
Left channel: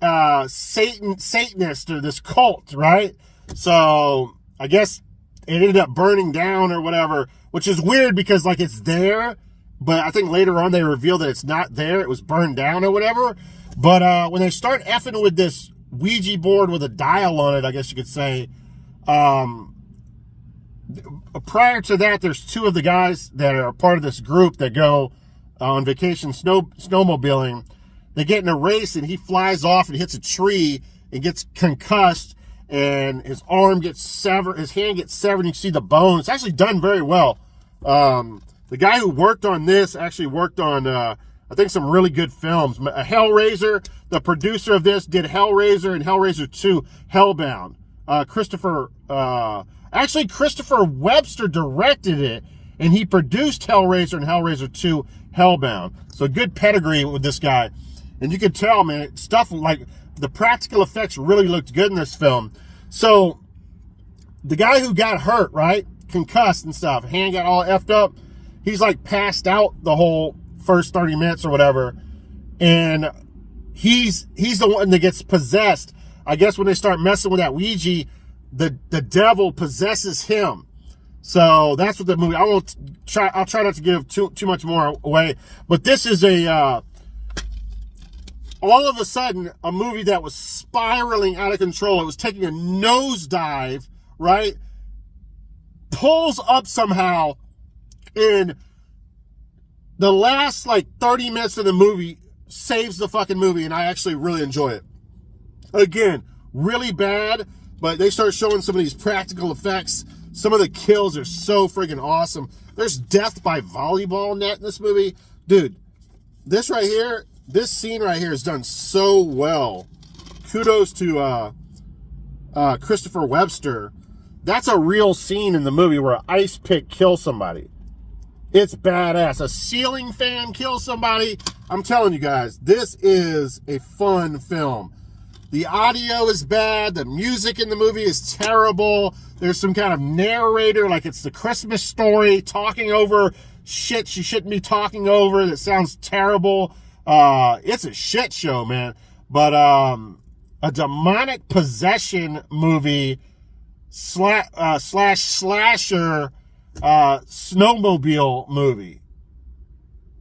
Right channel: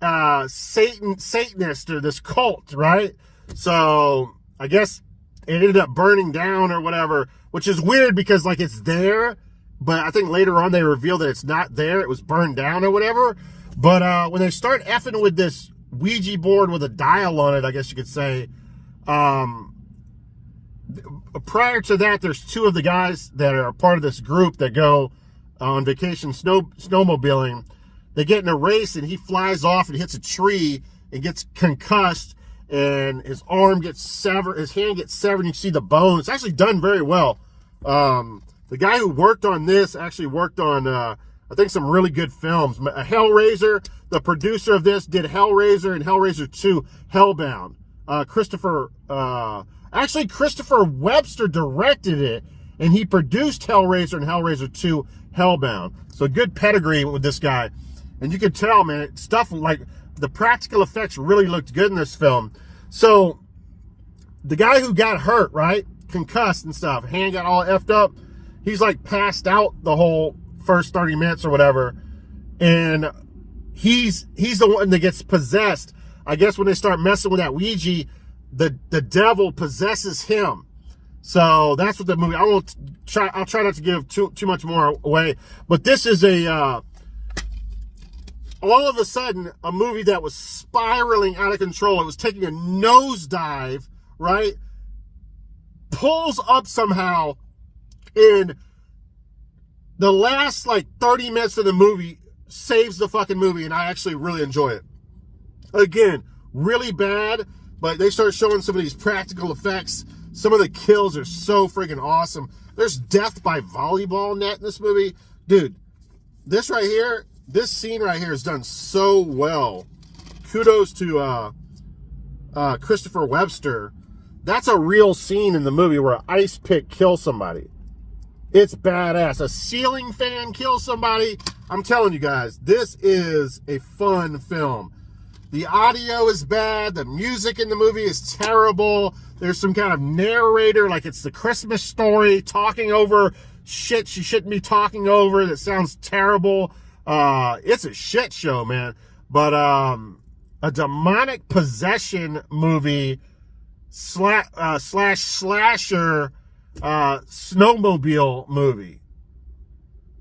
Satanists or this cult, right? So I guess it ended up burning down or whatever, which is weird because like it's there, but I think later on they revealed that it's not there. It was burned down or whatever. But when they start effing with this Ouija board with a dial on it, I guess you could say, prior to that, there's two of the guys that are part of this group that go on vacation snowmobiling. They get in a race and he flies off and hits a tree and gets concussed, and his arm gets severed, his hand gets severed, and you see the bone. It's actually done very well. The guy who worked on this actually worked on I think some really good films. Hellraiser, the producer of this, did Hellraiser and Hellraiser 2, Hellbound. Christopher Webster directed it, and he produced Hellraiser and Hellraiser 2, Hellbound. So good pedigree with this guy. And you could tell, man, stuff like the practical effects really looked good in this film. So the guy who got hurt, right, concussed and stuff, hand got all effed up, he's like passed out the whole first 30 minutes or whatever, and he's the one that gets possessed. I guess when they start messing with that Ouija, the devil possesses him. So that's what the movie, I'll try not to give too much more away, but this is all of a sudden a movie that was spiraling out of control. It was taking a nosedive, right? Pulls up somehow in the last like 30 minutes of the movie, saves the fucking movie, and I actually really enjoy it. Again, really bad, but they start showing some of these practical effects. Some of the kills are so friggin' awesome. There's death by volleyball net in this movie. Dude, this right here, this scene right here is done so well. Kudos to Christopher Webster. That's a real scene in the movie where an ice pick kills somebody. It's badass. A ceiling fan kills somebody. I'm telling you guys, this is a fun film. The audio is bad. The music in the movie is terrible. There's some kind of narrator, like it's the Christmas Story, talking over shit she shouldn't be talking over. That sounds terrible. It's a shit show, man. But a demonic possession movie slash slasher snowmobile movie.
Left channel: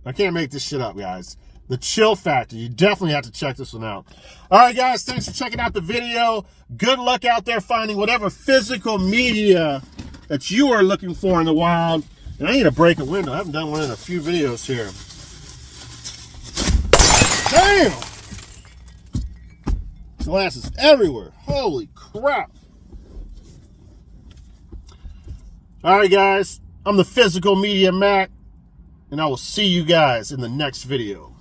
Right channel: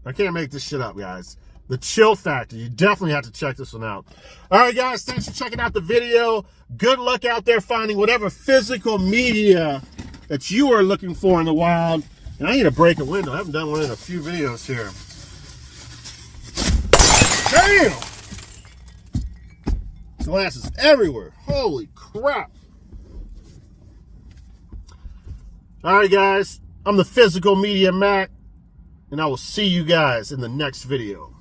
I can't make this shit up, guys. The chill factor. You definitely have to check this one out. All right, guys, thanks for checking out the video. Good luck out there finding whatever physical media that you are looking for in the wild. And I need to break a window. I haven't done one in a few videos here. Damn! Glass is everywhere. Holy crap. All right, guys. I'm the Physical Media Mac, and I will see you guys in the next video.